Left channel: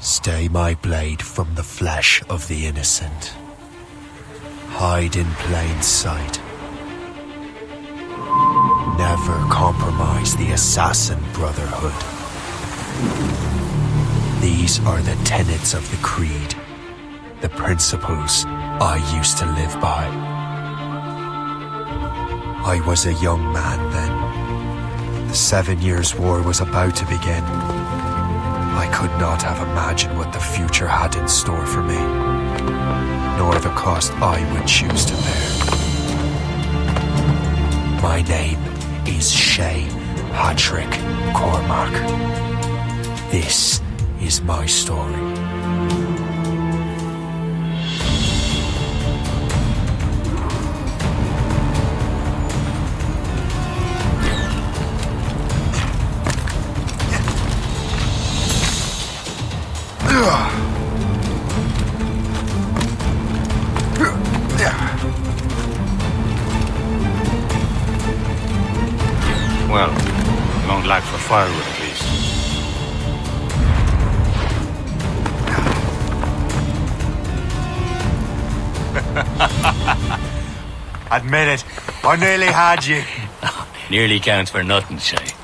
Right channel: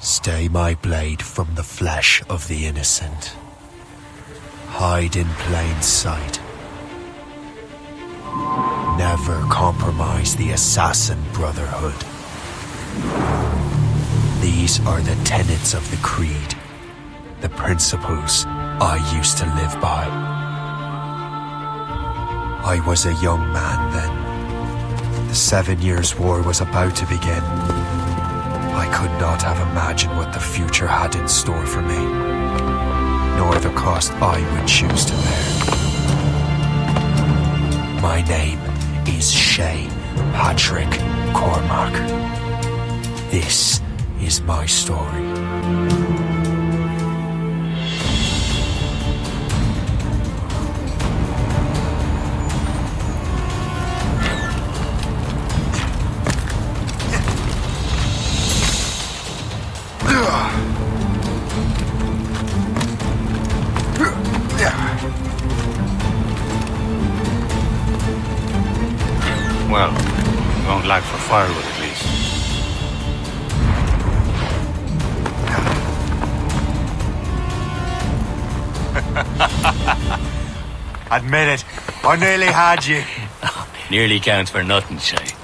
Stay my blade from the flesh of the innocent. Hide in plain sight. Never compromise the assassin brotherhood. These are the tenets of the creed, the principles I used to live by. I was a young man then. The 7 Years' War was about to begin. I could not have imagined what the future had in store for me, nor the cost I would choose to bear. My name is Shay Patrick Cormac. This is my story. Well, we won't lack for firewood at least. Admit it, I nearly had you. Nearly counts for nothing, Shay.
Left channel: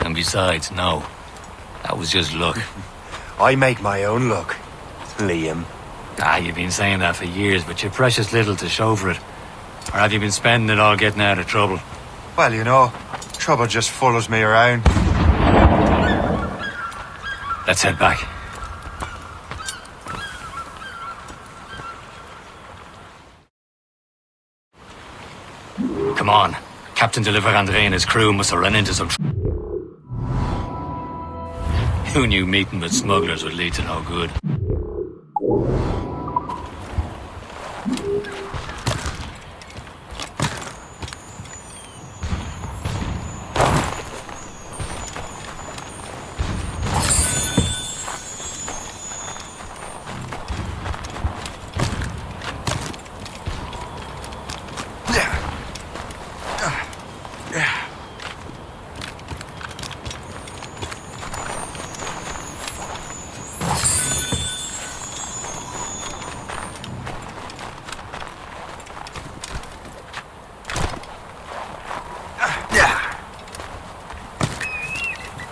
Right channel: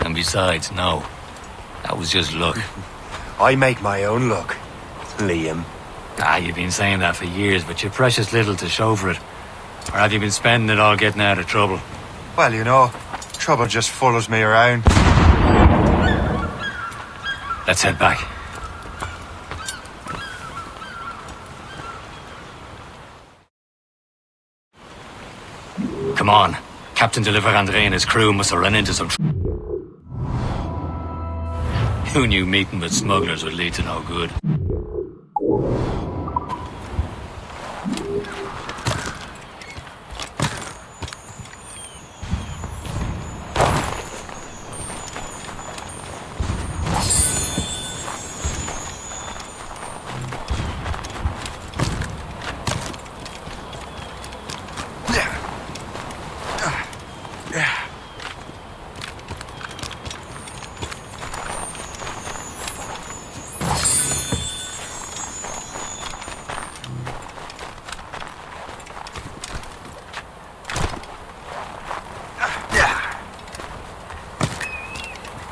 And besides, no. That was just luck. I make my own luck, Liam. You've been saying that for years, but you're precious little to show for it. Or have you been spending it all getting out of trouble? Well, you know, trouble just follows me around. Let's head back. Come on. Captain de Andre and his crew must have run into some Who knew meeting with smugglers would lead to no good?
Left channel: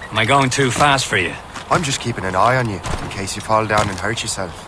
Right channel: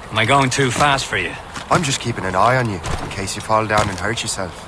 Am I going too fast for you? I'm just keeping an eye on you, in case you fall down and hurt yourself.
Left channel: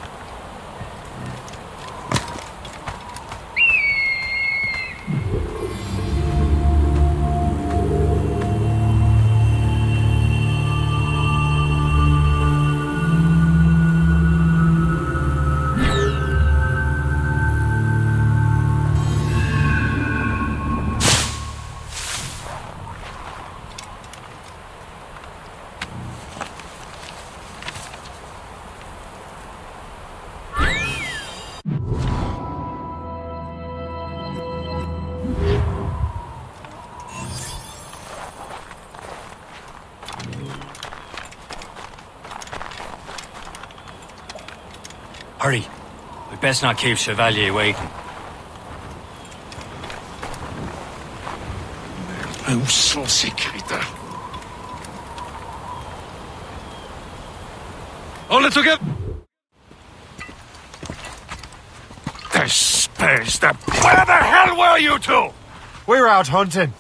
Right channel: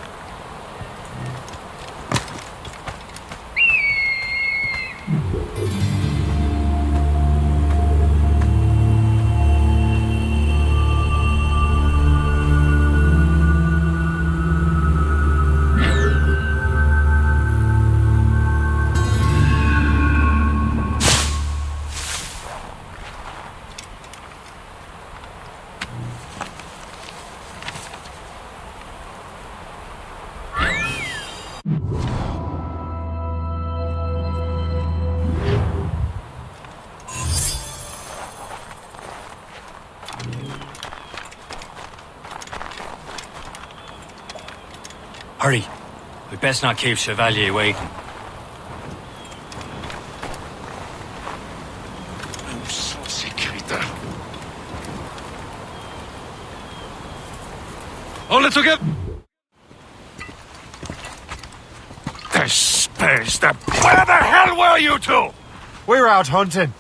Hurry. We'd best not keep Chevalier waiting. Où sont ces crétins? All it together! Where the hell were you two? We're out hunting.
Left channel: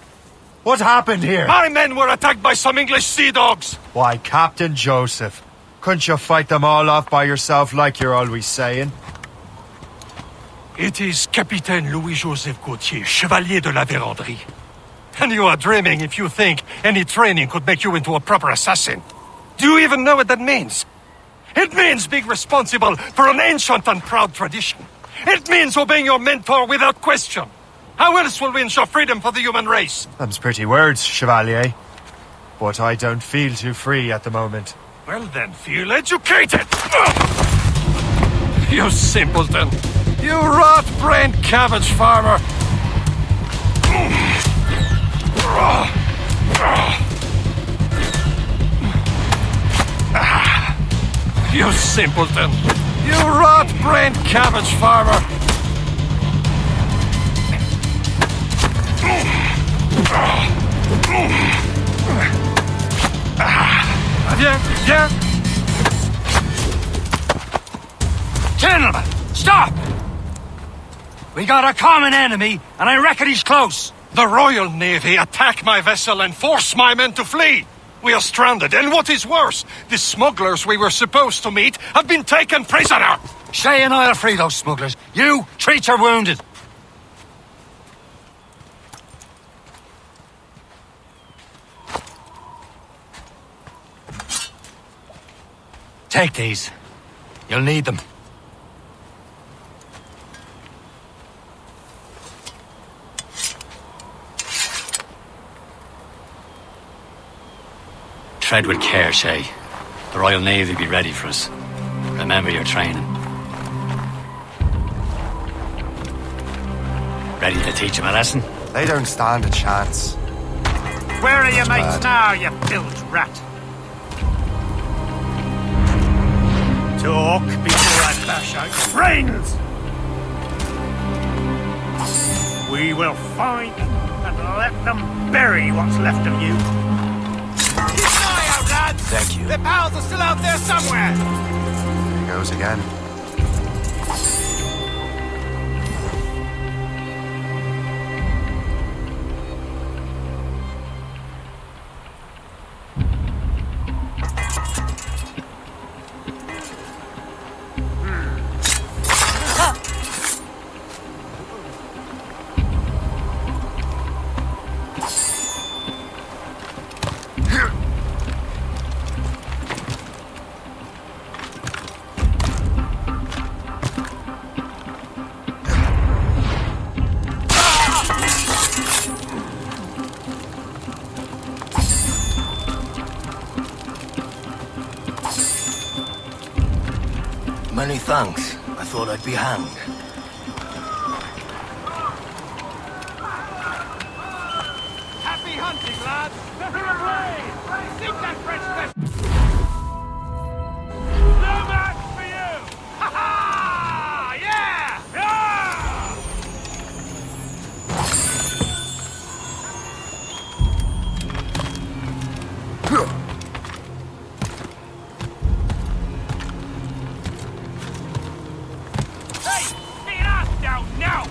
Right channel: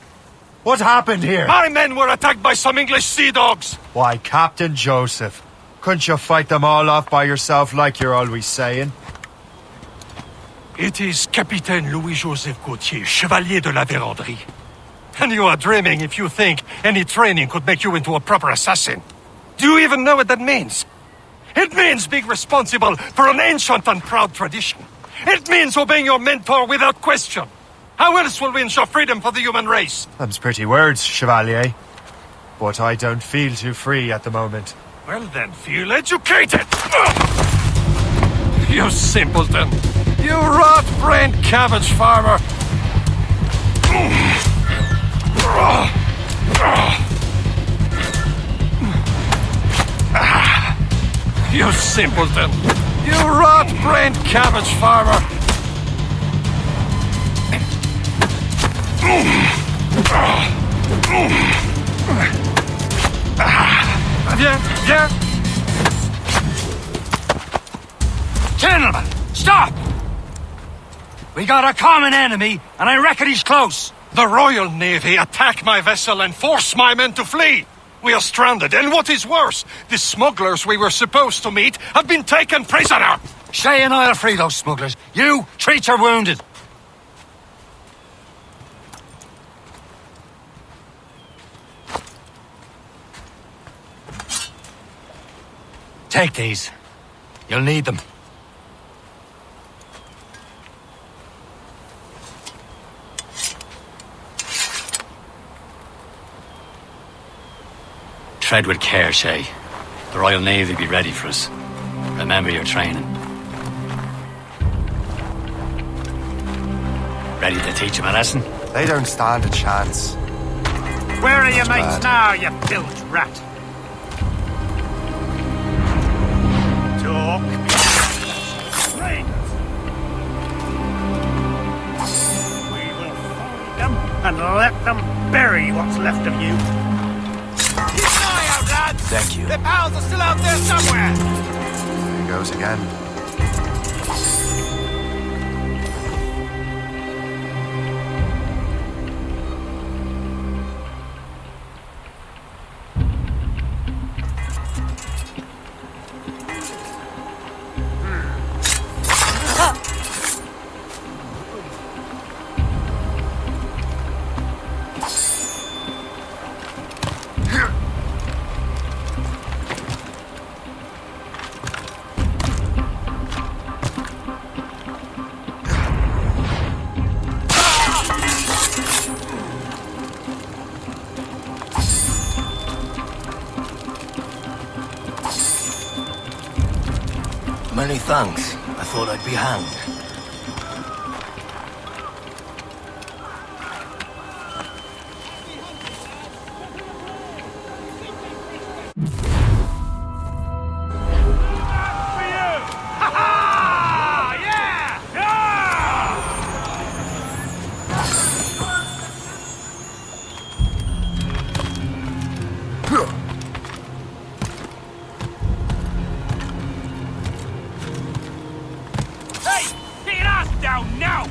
What happened here? My men were attacked by some English sea dogs. Why, Captain Joseph, couldn't you fight them all off by yourself like you're always saying? It is Capitaine Louis-Joseph Gauthier, Chevalier de la Vérendrye. And you are dreaming if you think any training could make you into a proper assassin. Do you even know what that means? It means being responsible for an ancient and proud tradition. It means obeying your mentor without question. How else will we ensure freedom for the human race? Them's pretty words, Chevalier. But I don't feel too free at the moment. Well then, feel educated! You simpleton! You rot-brained cabbage farmer! You simpleton! You rot-brained cabbage farmer! Viens, viens! Gentlemen, stop! We got a common enemy, and I reckon he's close. The Royal Navy attack my vessel and force my men to flee. We are stranded, and what is worse, the smugglers we were supposed to meet have been taken prisoner. Shay and I'll free those smugglers. You treat your wounded. Take these. You'll need them. Tread with care, Shay. The Royal Navy will be ready for us. Remember your training. Ready to teach them a lesson? They don't stand a chance. Where are your bad. mates now, you bilge rat? Talk before I lash out brains! We will find them and let them bury what's left of you. Keep an eye out, lads! Thank you. Their pals are still out there somewhere! There he goes again. Many thanks. I thought I'd be hanged. Happy hunting, lads! Nothing ablaze! Stick that fresh No match for you! Ha ha! Yeah! Yeah! Hey! Get your ass down now!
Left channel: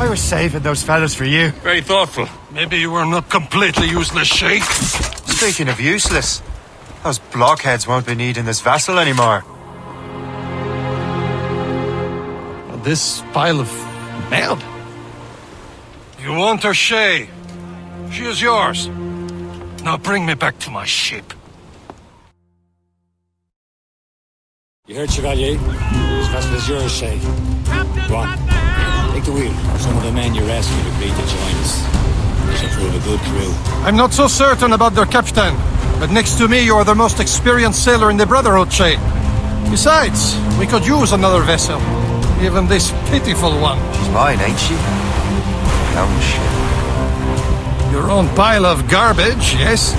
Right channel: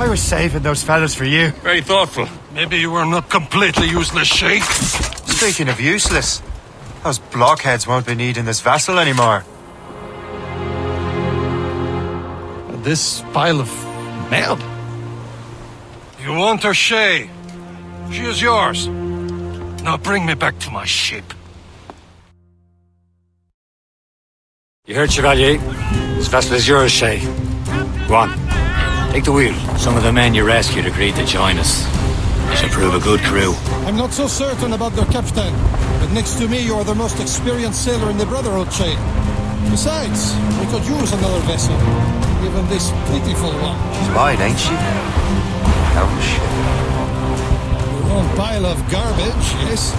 I was saving those fellas for you. Very thoughtful. Maybe you were not completely useless, Shay. Speaking of useless, those blockheads won't be needing this vessel anymore. This pile of mail. You want her, Shay? She is yours. Now bring me back to my ship. You heard, Chevalier? This vessel is yours, Shay. Go on. Take the wheel. Some of the men you rescued agreed to join us. This will prove a good crew. I'm not so certain about their captain, but next to me, you're the most experienced sailor in the Brotherhood, Shay. Besides, we could use another vessel. Even this pitiful one. She's mine, ain't she? My own ship. Your own pile of garbage, yes?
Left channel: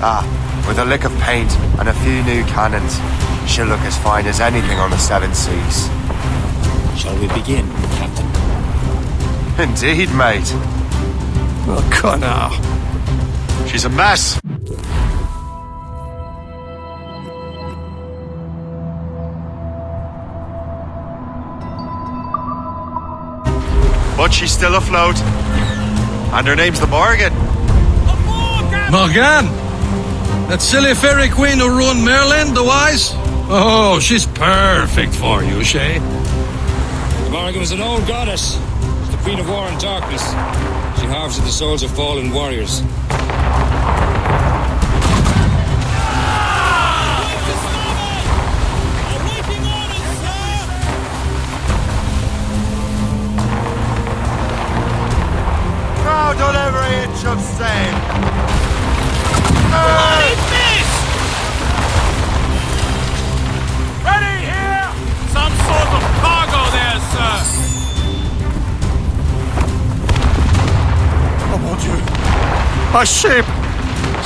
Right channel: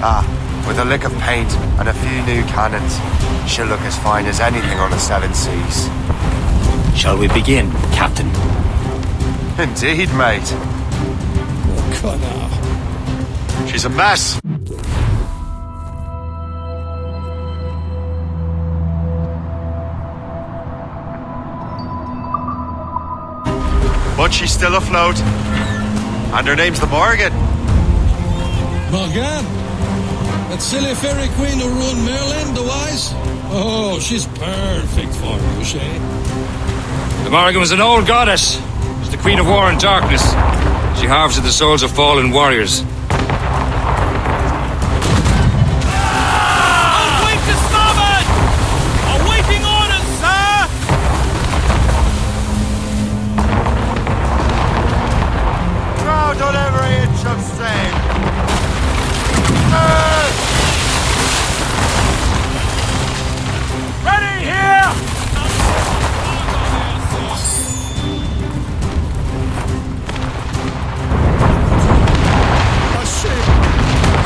Ah, with a lick of paint and a few new cannons, she'll look as fine as anything on the seven seas. Shall we begin, Captain? Indeed, mate. Oh, God, now. She's a mess. But she's still afloat. And her name's the Morgan. Morgan? That silly fairy queen who ruined Merlin, the wise? Oh, she's perfect for you, Shay. The Morgan was an old goddess. Was the Queen of War and Darkness. She harvested the souls of fallen warriors. of sail! Ready here! Some sort of cargo there, sir. A ship!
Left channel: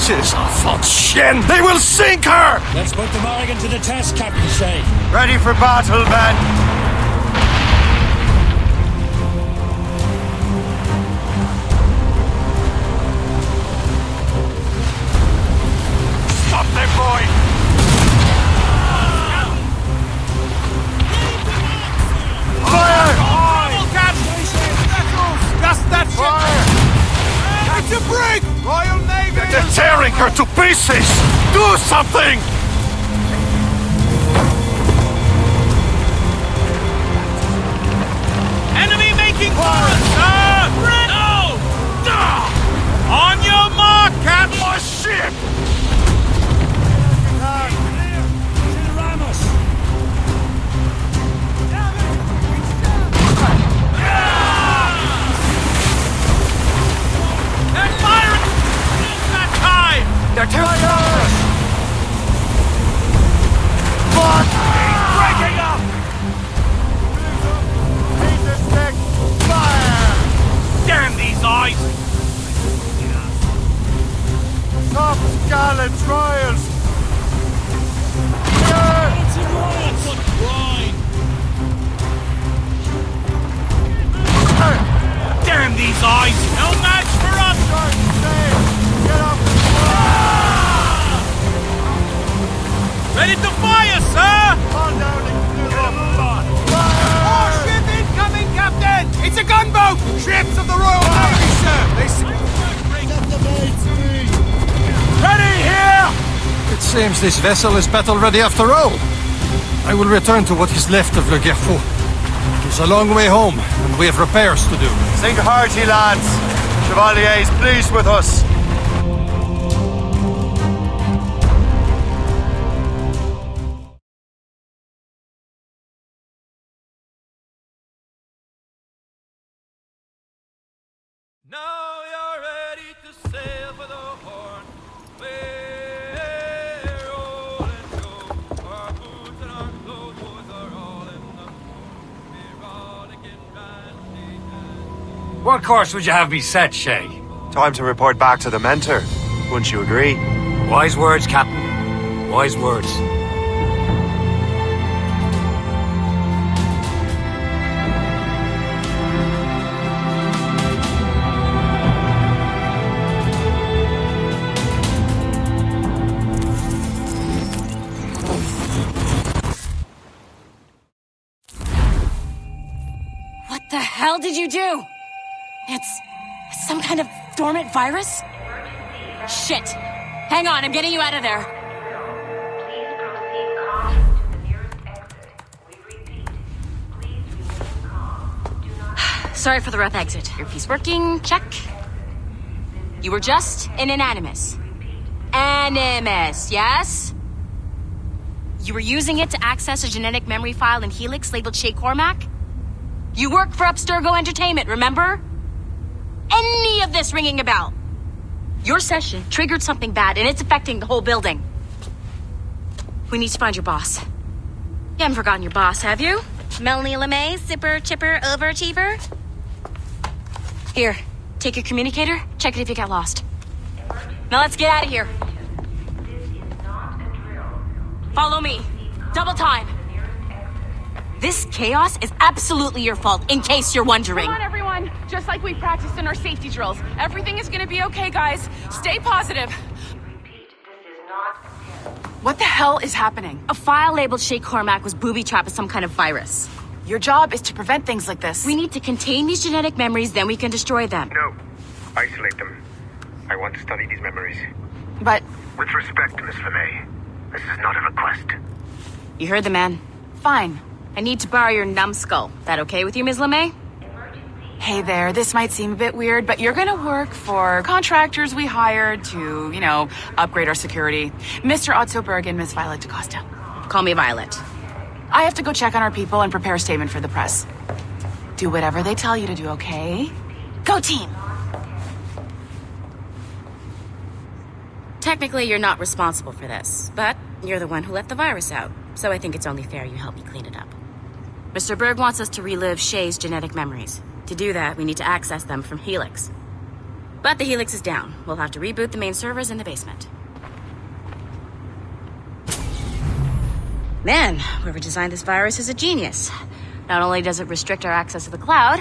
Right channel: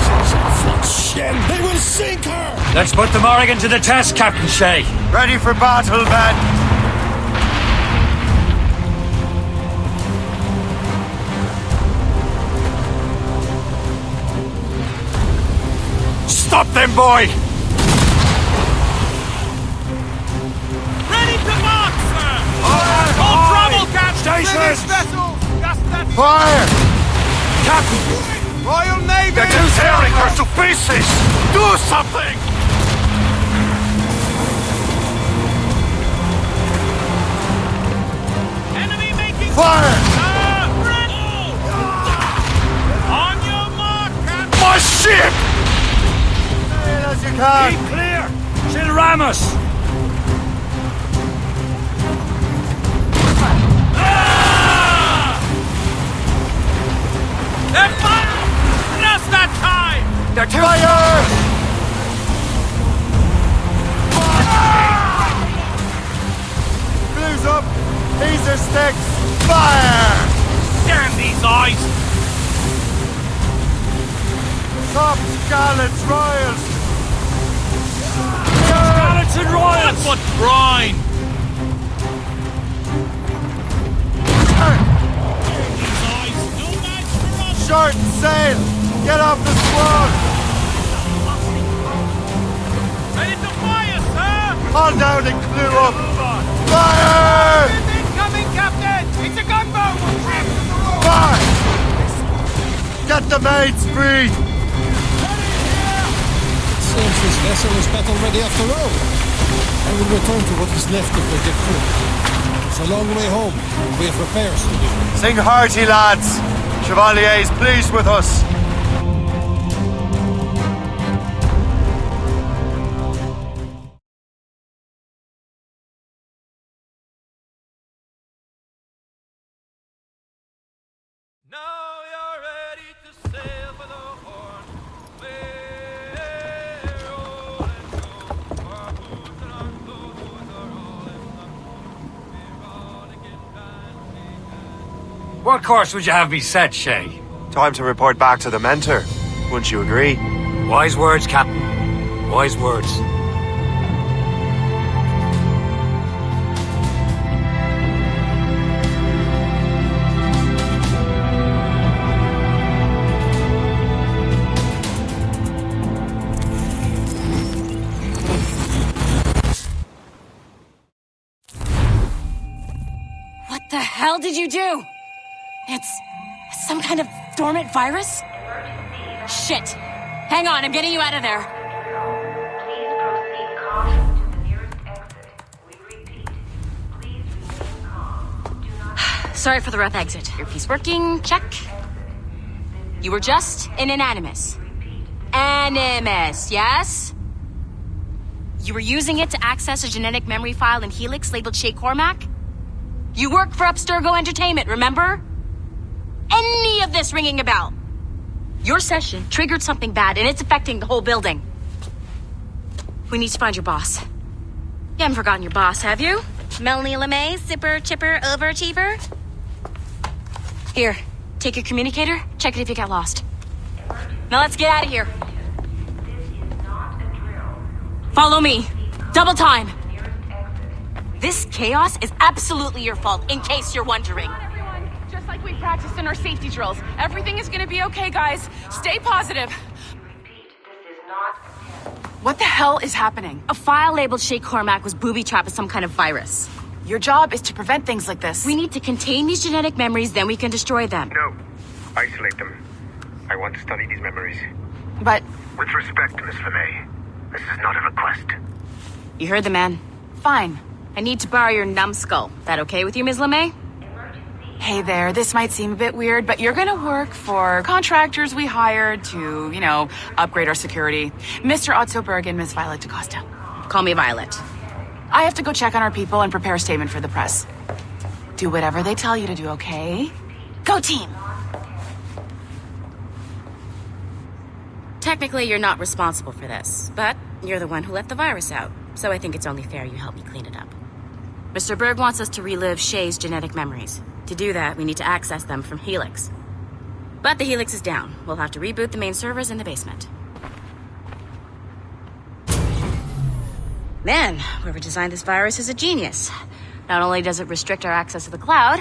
She's a full shit! They will sink her! Let's put the Morrigan to the test, Captain Shay. Ready for battle, men! Stop them, boy! Fire! No trouble, Captain! British vessels! Just that Fire! Captain! brig! Royal Navy! They're tearing her to pieces! Do something! Enemy making Fire! sir! On your mark, Captain! My ship! As you can! Keep clear. She'll ram us. They're firing! Just that time! They're too Fire! Fuck! Blues up! Laser sticks! Fire! Damn these eyes! Tops, gallants, royals! Clear! That's what's grind! Damn these eyes! No match for us! Short and sail! Get off the squad! Ready to fire, sir! All down and clue up! Move on! Fire! Ship incoming, Captain! It's a gunboat! Ships of the Royal Fire! Navy, sir! Get the mates free! Ready here! Seems this vessel is battle ready after all. I will return to what is left of the GEFORCE. It's a long way home. We have repairs to do. Sing hearty, lads! Chevalier is pleased with us. Now you're ready to sail for the Horn. We're rolling show. Our boots and our clothes are all in the Horn. We're rollicking randy and What course would you have me set, Shay? Time to report back to the mentor. Wouldn't you agree? Wise words, Captain. Wise words. What the hell did you do? It's some kind of dormant virus? Shit. Hang on, I'm getting you out of there. Please proceed calmly to the nearest exit. We repeat, please remain calm. Do not... Sorry for the rough exit. Earpiece working, check. You were just an animus. Animus, yes? You were using it to access a genetic memory file in Helix labeled Shay Cormac? You work for Abstergo Entertainment, remember? Any of this ringing a bell? Your session triggered something bad, and it's affecting the whole building. We need to find your boss. You haven't forgotten your boss, have you? Melanie LeMay, zipper, chipper, overachiever? Here, take your communicator, check it if you got lost. Now let's get out of here. This is not a drill. Follow me. Double time. This chaos is absolutely your fault, in case you're wondering. Come on, everyone. Just like we practiced in our safety drills. Everything is gonna be okay, guys. Stay positive. Repeat, this is not a test. What the hell is happening? A file labeled Shay Cormac was booby-trapped with some kind of virus. Your job is to prevent things like this. We need to contain these genetic memories, then we can destroy them. No. Isolate them. I want to study these memories. But With respect, Miss LeMay, this is not a request. You heard the man. fine. I need to borrow your numbskull. That okay with you, Ms. LeMay? Hey there, this might seem a bit weird, but you're gonna work for contractors we hired to, upgrade our security. Mr. Otto Berg and Miss Violet DaCosta. Call me Violet. I have to go check on our people and prepare a statement for the press. Do whatever they tell you to do, okay? Go team! technically you're not responsible for this, but you're the one who let the virus out, so I think it's only fair you help me clean it up. Mr. Berg wants us to relive Shay's genetic memories. To do that, we need to access them from Helix. But the Helix is down. We'll have to reboot the main servers in the basement. Man, whoever designed this virus is a genius. Not only does it restrict our access to the cloud,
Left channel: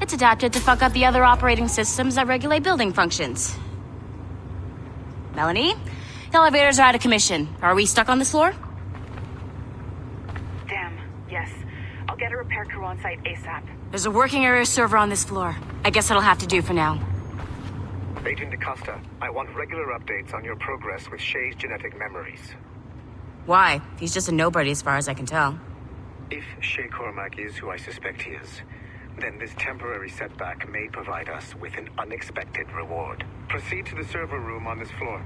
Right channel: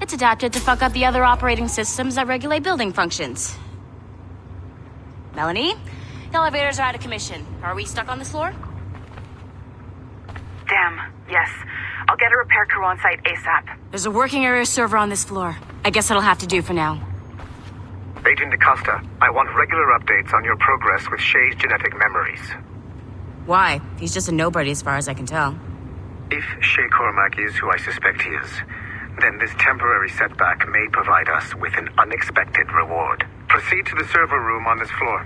it's adapted to fuck up the other operating systems that regulate building functions. Melanie? The elevators are out of commission. Are we stuck on this floor? Damn, yes. I'll get a repair crew on site ASAP. There's a working area server on this floor. I guess that'll have to do for now. Agent DaCosta, I want regular updates on your progress with Shay's genetic memories. Why? He's just a nobody as far as I can tell. If Shay Cormac is who I suspect he is, then this temporary setback may provide us with an unexpected reward. Proceed to the server room on this floor.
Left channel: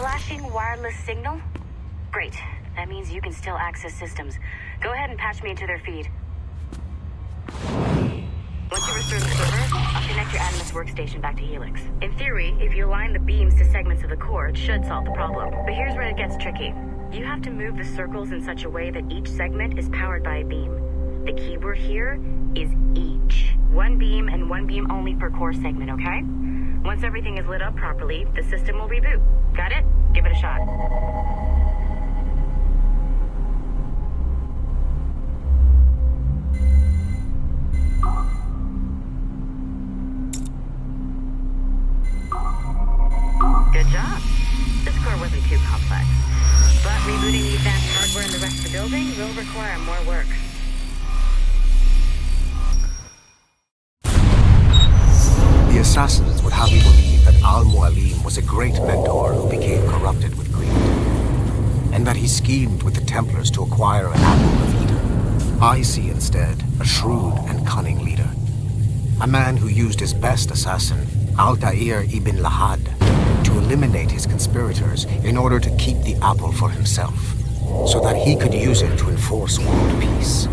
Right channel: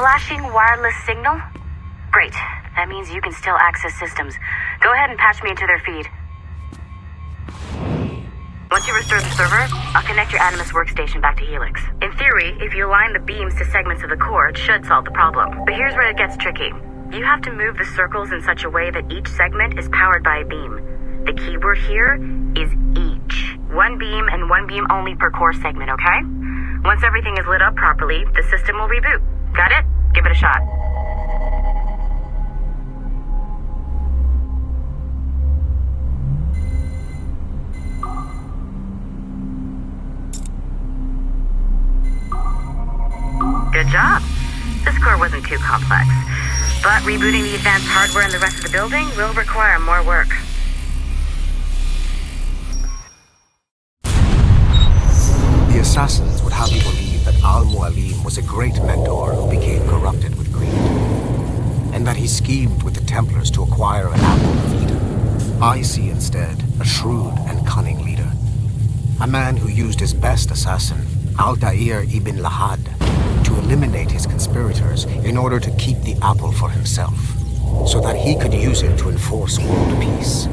Flashing wireless signal? Great. That means you can still access systems. Go ahead and patch me into their feed. Once you restore the server, I'll connect your Animus workstation back to Helix. In theory, if you align the beams to segments of the core, it should solve the problem. But here's where it gets tricky. You have to move the circles in such a way that each segment is powered by a beam. The keyword here is each. One beam and one beam only per core segment, okay? Once everything is lit up properly, the system will reboot. Got it? Give it a shot. Good job. This core wasn't too complex. But rebooting the advanced hardware in the rest of the building will require more work. The assassins would have you believe that Al-Mualim was a great mentor who became corrupted with greed, and that he schemed with the Templars to acquire an apple of Eden. I see instead a shrewd and cunning leader, a man who used his best assassin, Altair ibn Lahad, to eliminate his conspirators in order to keep the apple for himself, so that he could use it to enforce world peace.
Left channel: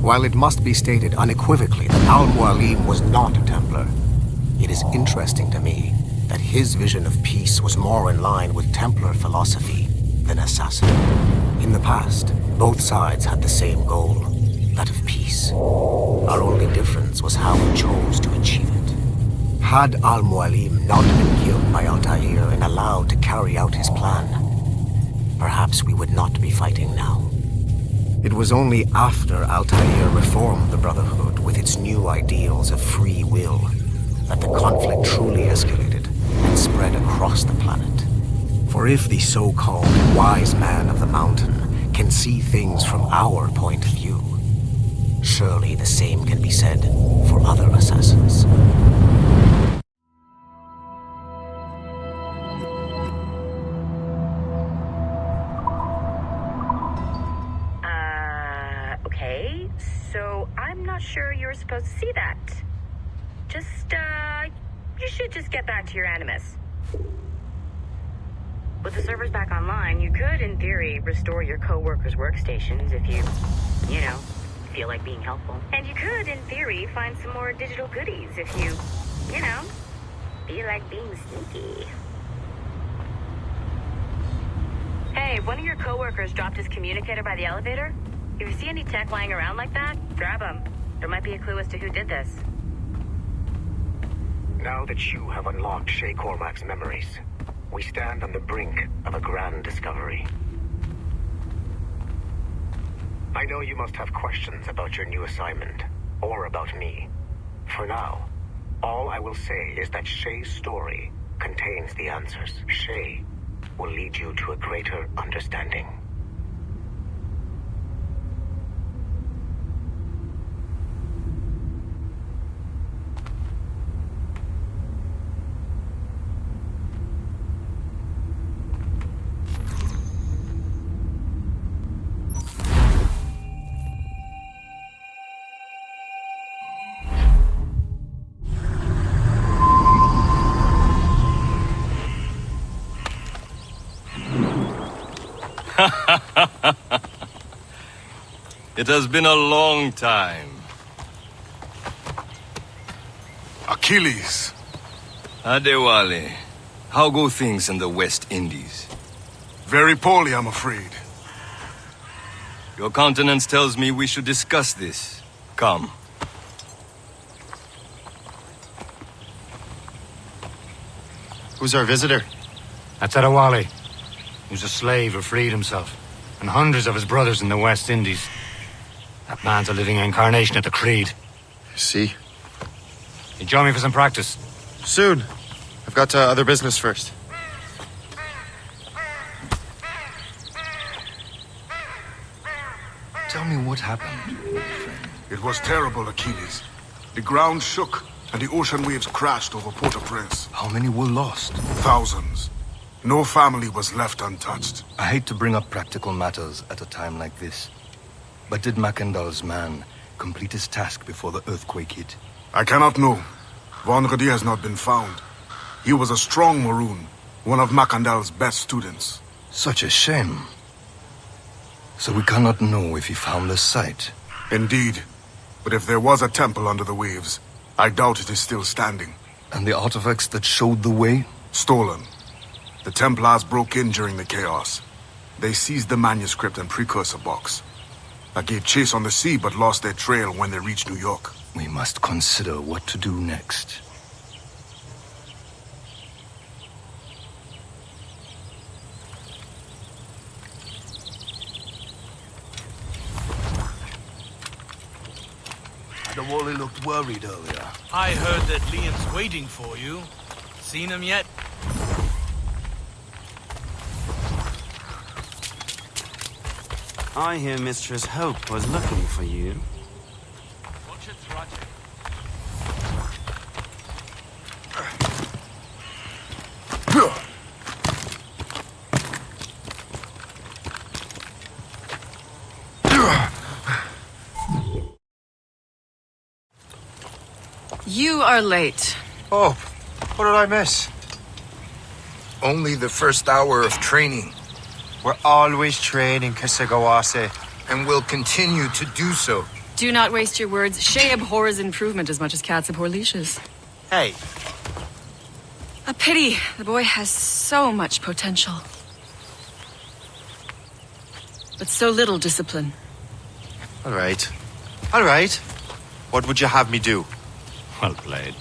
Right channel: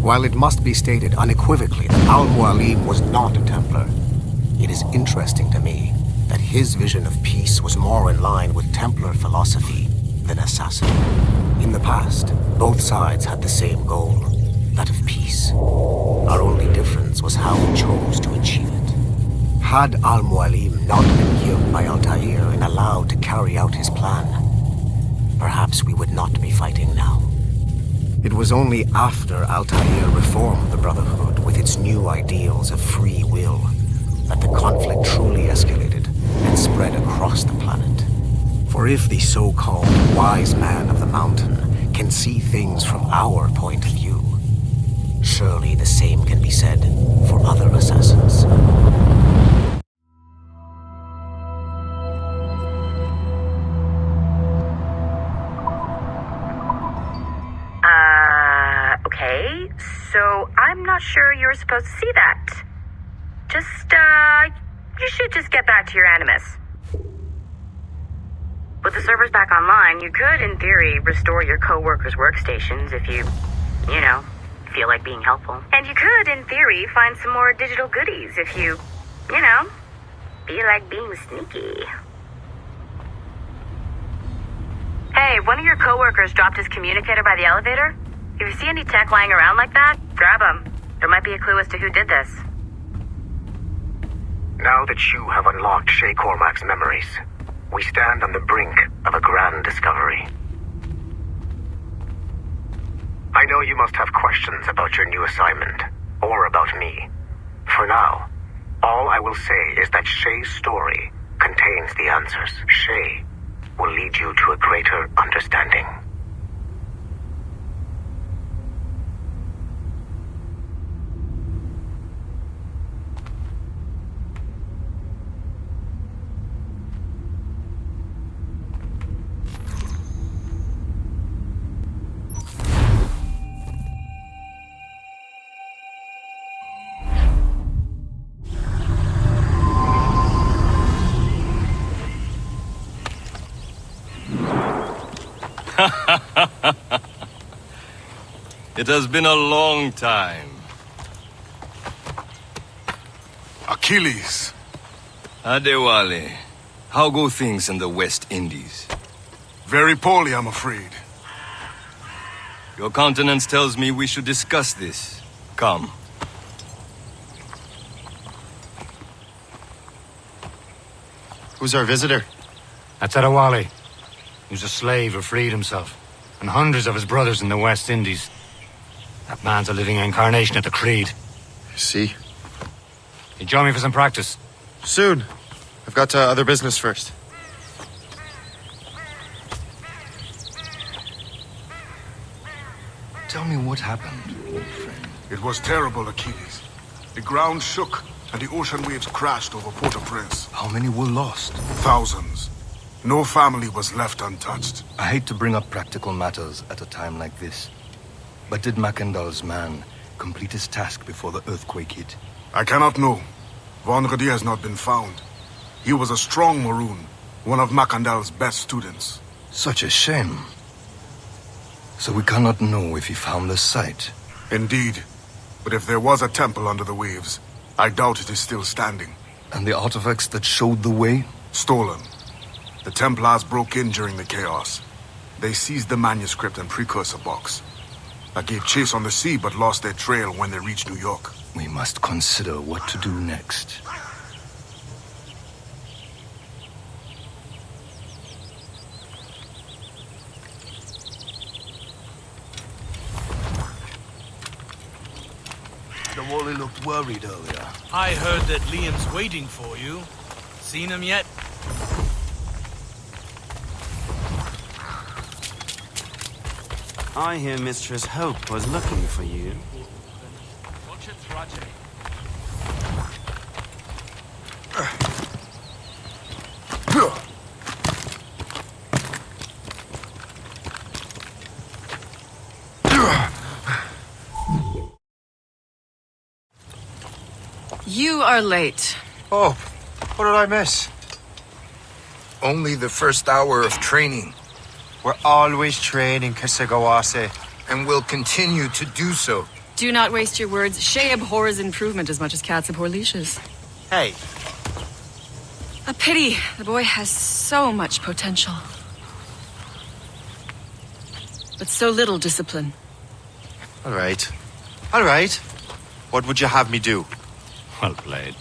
While it must be stated unequivocally that Al-Mualim was not a Templar, it is interesting to me that his vision of peace was more in line with Templar philosophy than assassin. In the past, both sides had the same goal, that of peace. Our only difference was how we chose to achieve it. Had Al-Mualim not been killed by Altair and allowed to carry out his plan, perhaps we would not be fighting now. It was only after Altair reformed the Brotherhood with its new ideals of free will that the conflict truly escalated and spread across the planet. For if the so-called wise man of the mountain can see things from our point of view, surely the same can be said for other assassins. Okay, so I'm not sure you're supposed to see that. You should just get back to your Animus. With the servers back online, you could, in theory, restore your co-workers' workstations if you feel like being helpful. And you could, in theory, find some more digital goodies if you feel like being sneaky. Hey, one of your co-workers dropped his communicator by the elevator. If you see any tech lying around like that, grab them. There might be a clue as to who did this. Now that you have unlocked Shay Cormac's memories, we stand on the brink of a grand discovery. I know you must have questions about your new assignment, or about me. For now, all I will say is that Shay's story contains the answers. Shay will lead you to a greater understanding. It has been a long time. Achilles. Adewale, how go things in the West Indies? Very poorly, I'm afraid. Your countenance tells me we should discuss this. Come. Who's our visitor? That's Adewale. He was a slave who freed himself, and hundreds of his brothers in the West Indies. That man's a living incarnation of the Creed. See? You join me for some practice? Soon. I've got other business first. Tell me what happened, old friend. It was terrible, Achilles. The ground shook, and the ocean waves crashed over Port-au-Prince. How many were lost? Thousands. No family was left untouched. I hate to bring up practical matters at a time like this. But did Macandal's man complete his task before the earthquake hit? I cannot know. Vonredi has not been found. He was a strong Maroon, one of Macandal's best students. Such a shame. So we cannot know if he found the site. Indeed. But if there was a temple under the waves, I doubt it is still standing. And the artifacts that showed the way? Stolen. The Templars broke in during the chaos. They seized the manuscript and precursor box. I gave chase on the sea but lost their trail when they reached New York. We must consider what to do next. Adewale looked worried earlier. I heard that Liam's waiting for you. Seen him yet? I hear Mistress Hope was looking for you. You are late. Oh, what did I miss? Only the first hour of training. We're always training, Kisagawase. And will continue to do so. Do not waste your words. Shay abhors improvement as much as cats abhor leashes. Hey. A pity. The boy has so much potential. But so little discipline. All right. All right. What would you have me do? Well played.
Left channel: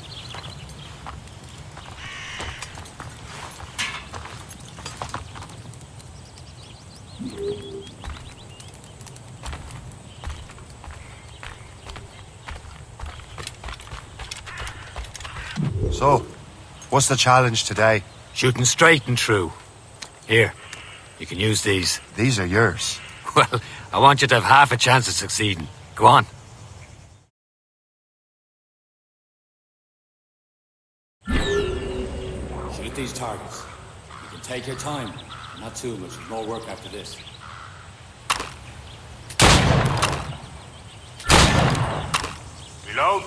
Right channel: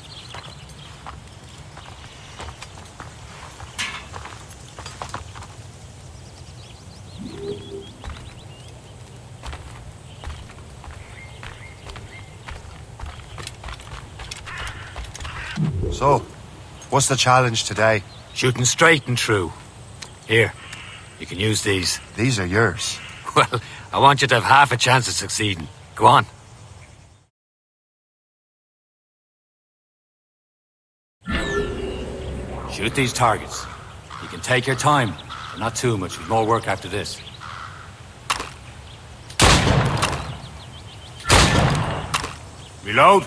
So, what's the challenge today? Shooting straight and true. Here, you can use these. These are yours. Well, I want you to have half a chance of succeeding. Go on. Shoot these targets. You can take your time. Not too much. More work after this. Reload.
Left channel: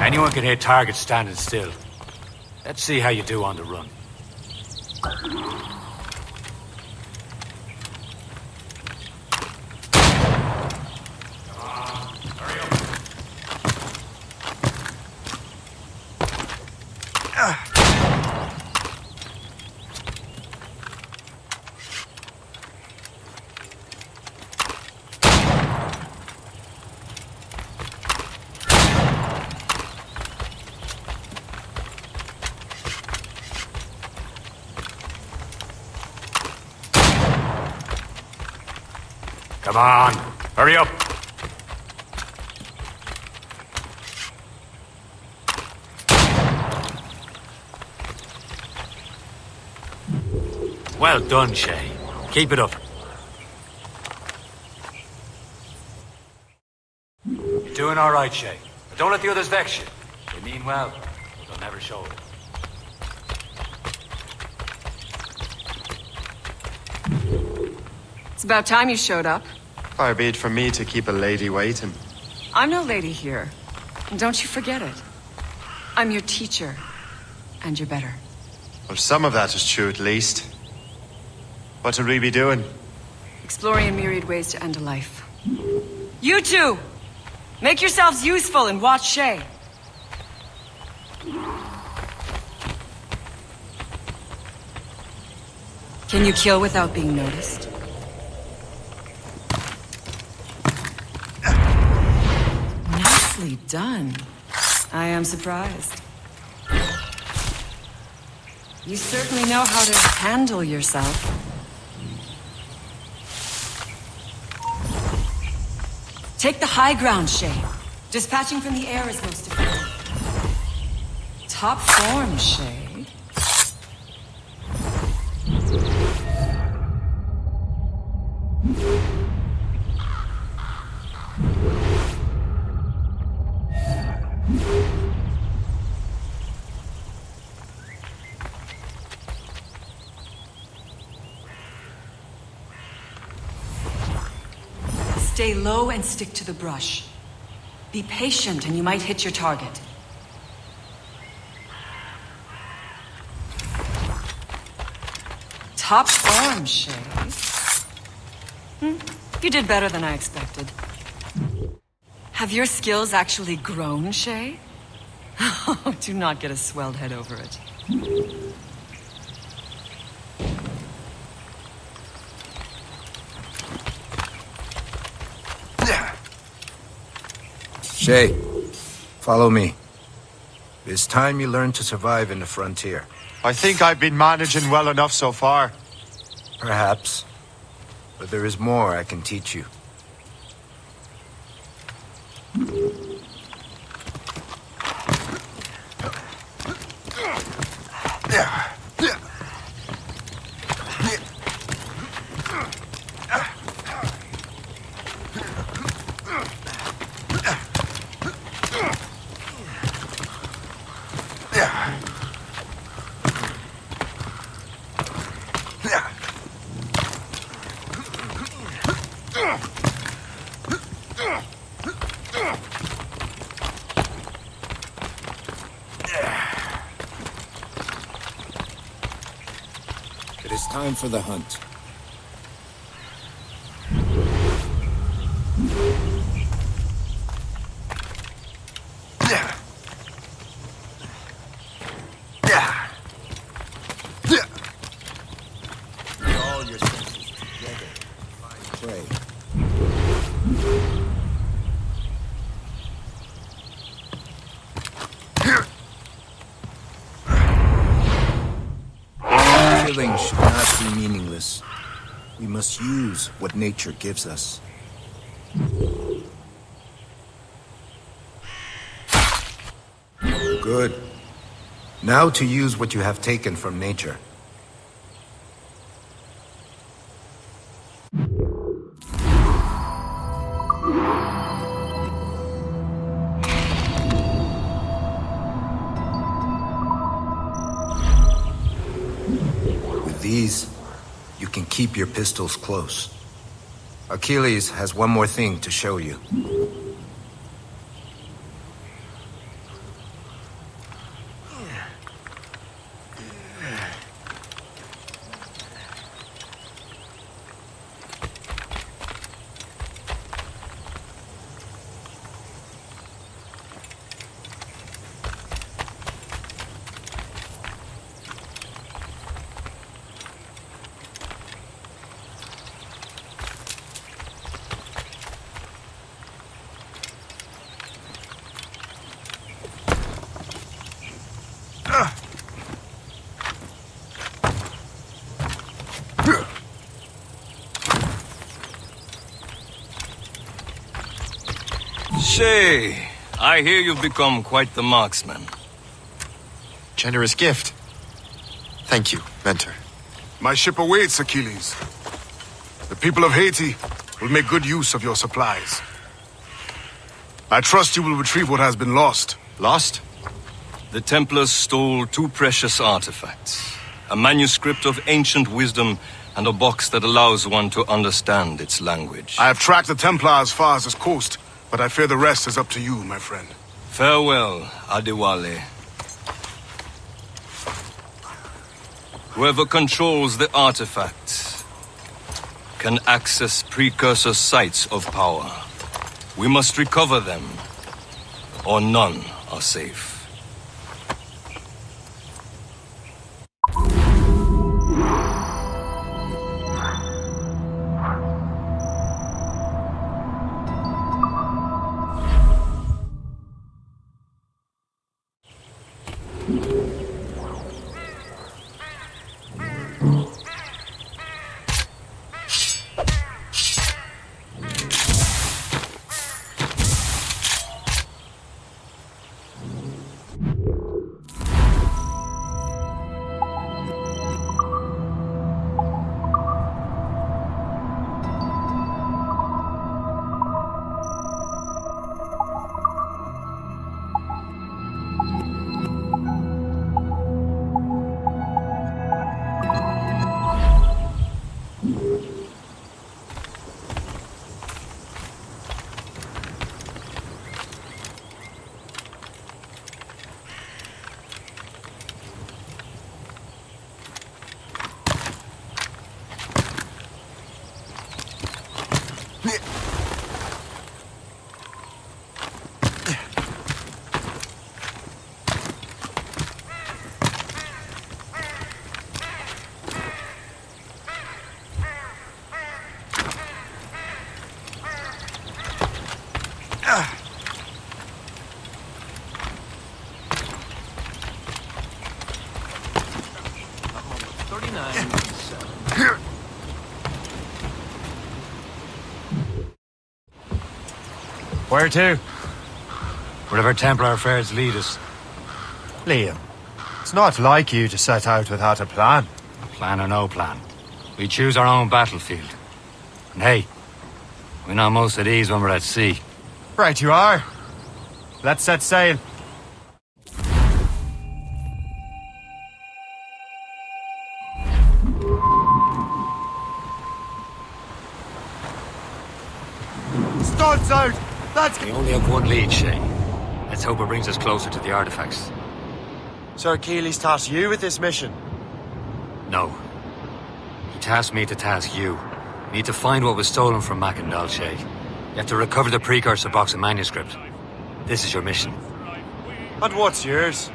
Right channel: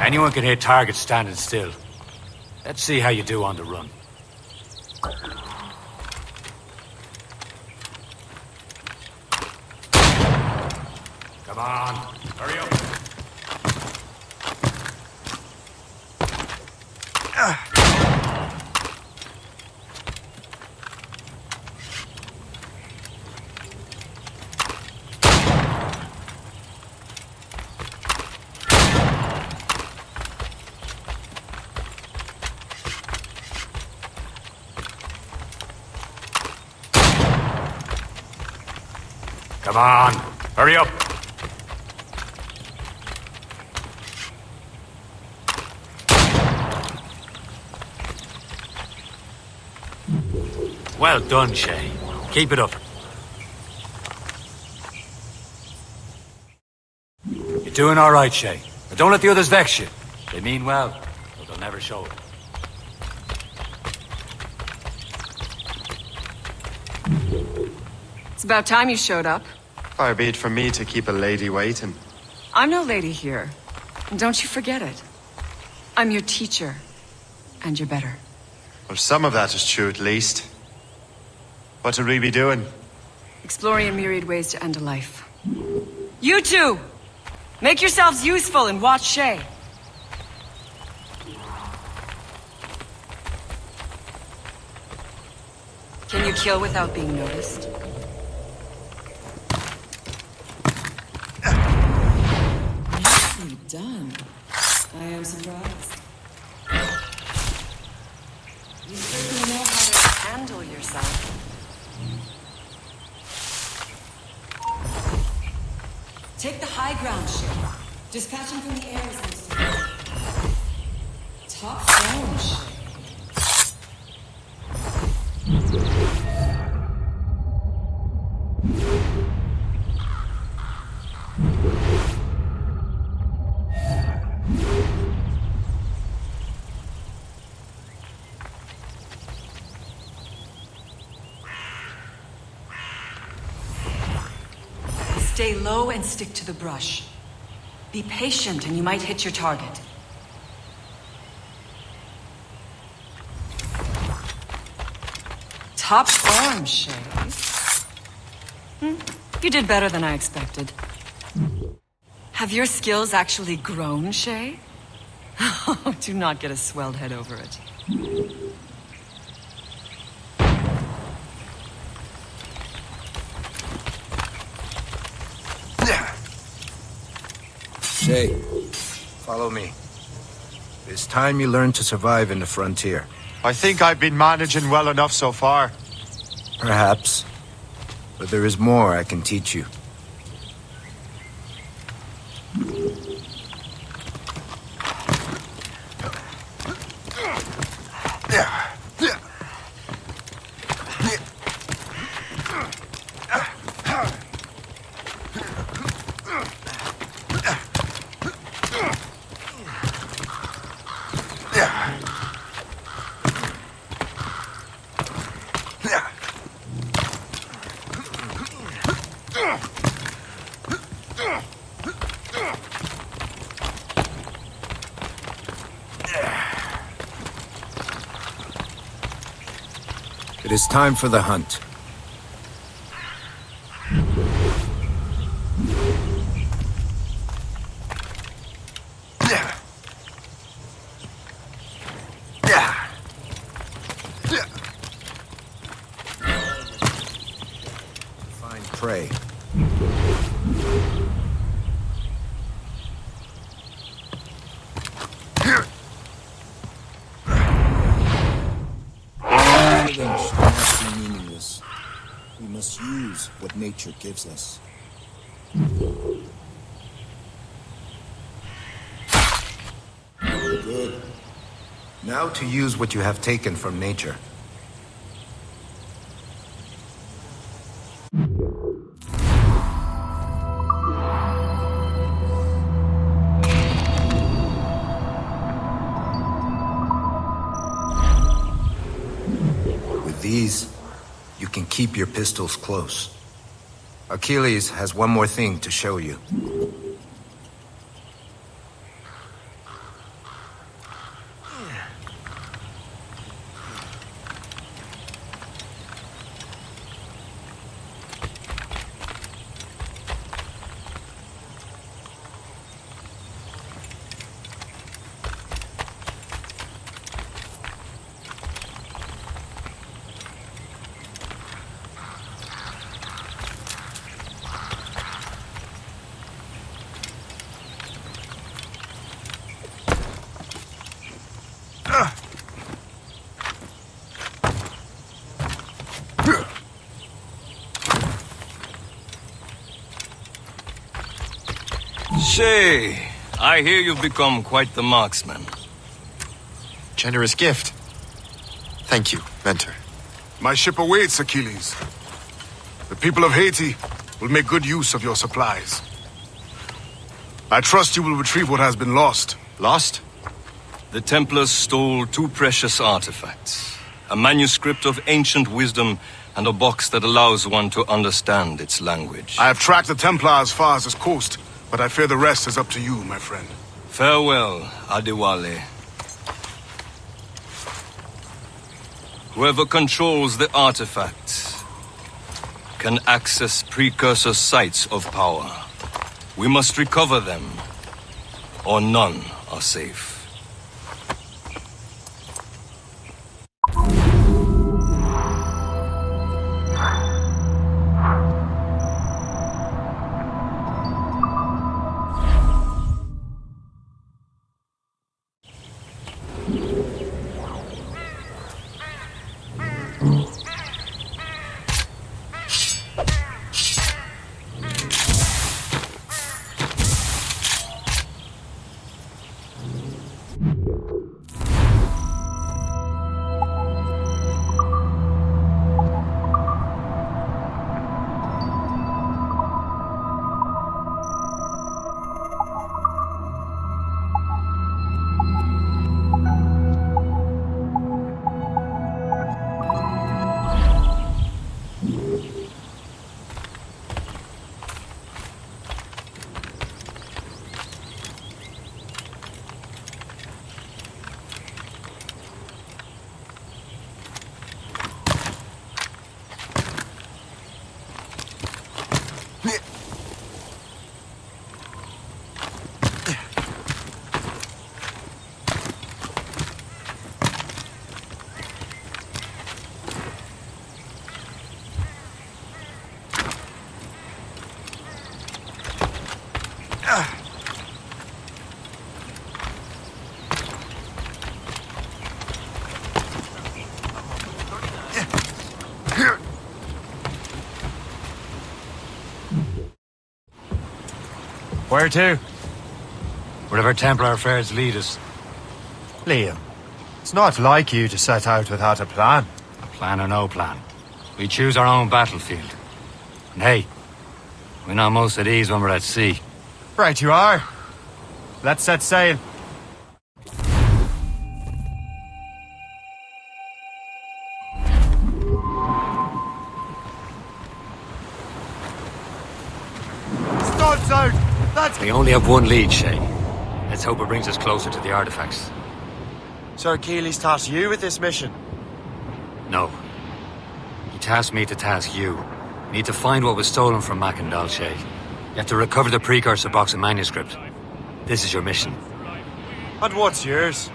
Anyone can hit targets standing still. Let's see how you do on the run. Come on, hurry up. Come on, hurry up. Well done, Shay. Keep it up. You're doing all right, Shay. But don't let the others vex you. They mean well, but they'll never show it. It's about time you showed up. Far be it from me to keep a lady waiting. I'm no lady here. And don't you forget it. I'm your teacher. And you're better. Well, some of that is true at least. What should we be doing? Exploring a myriad ways to end a life. You two! Make yourselves useful and watch Shay. Can you kill without being noticed? Nicely done. I am surprised. You certainly know how to handle yourself. Take the high ground, Shay. Dispatching from the air is hosted. Top form, Shay. Stay low and stick to the brush. Be patient and you might hit your target. Top form, Shay. You did better than I expected. Have your skills actually grown, Shay? Oh, do not get a swelled head over it. Shay, follow me. It's time you learn to survive in the frontier. I think I've been managing well enough so far. Perhaps. But there is more I can teach you. It is time for the hunt. Nature gives us. Good. Now to use what you have taken from nature. With these, you can keep your pistols close. Achilles has one more thing to show you. Shay, I hear you've become quite the marksman. Generous gift. Thank you, Mentor. My ship awaits, Achilles. The people of Haiti will make good use of your supplies. I trust you will retrieve what has been lost. Lost? The Templars stole 2 precious artifacts. A manuscript of ancient wisdom and a box that allows one to understand its language. I have tracked the Templar as far as this coast, but I fear the rest is up to you, my friend. Farewell, Adewale. Whoever controls the artifact can access precursor sites of power. We must recover them, or none are safe. Where to? Wherever Templar affairs lead us. Liam, it's not like you to set out without a plan. Plan or no plan. We choose our own battlefield. And hey, we're not most at ease when we're at sea. Right you are. Let's set sail. Studs out! We only have one lead, Shay. Let's hope it brings us closer to the artifacts. Sir Achilles tasked you with this mission? No. He tasked me to task you. We need to find what was stolen from Mackendal, Shay. You have to recover the precursor box of manuscript. This is your mission. And what's yours?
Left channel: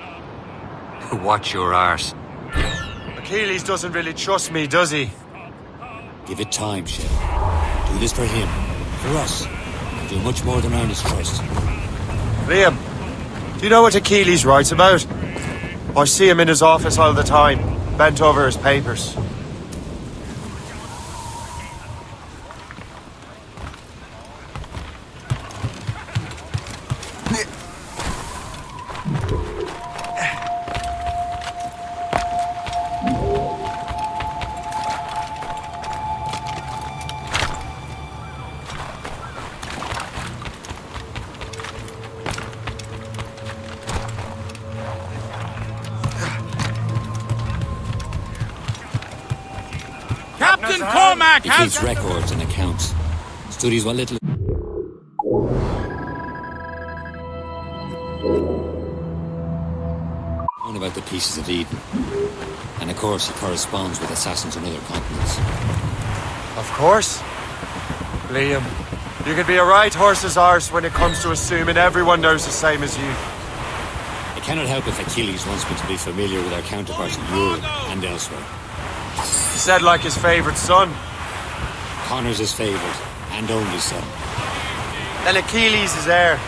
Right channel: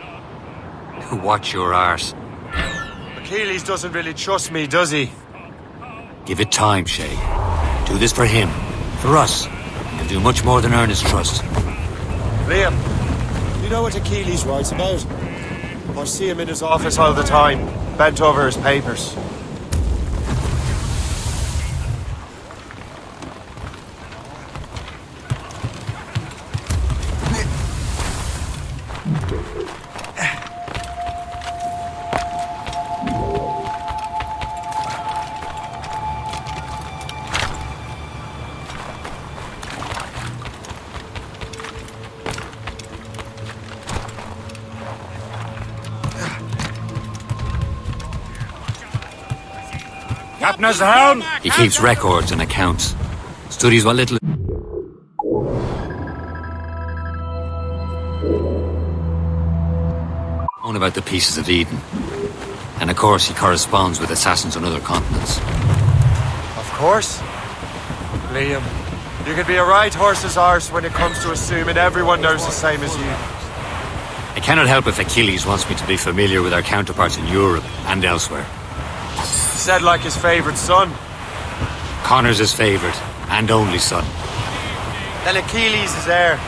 Watch your arse. Achilles doesn't really trust me, does he? Give it time, Shay. Do this for him. For us. Do much more than earn his trust. Liam, you know what Achilles writes about? I see him in his office all the time, bent over his papers. Captain's helm! He keeps records and accounts. Studies what little... On about the pieces of Eden. And of course he corresponds with assassins on other continents. Of course. Liam, you can be a right horse's arse when it comes to assuming everyone knows the same as you. I cannot help if Achilles wants me to be familiar with our counterparts in Europe and elsewhere. He said like his favourite son. Connor's his favourite and only son. Then Achilles is heir.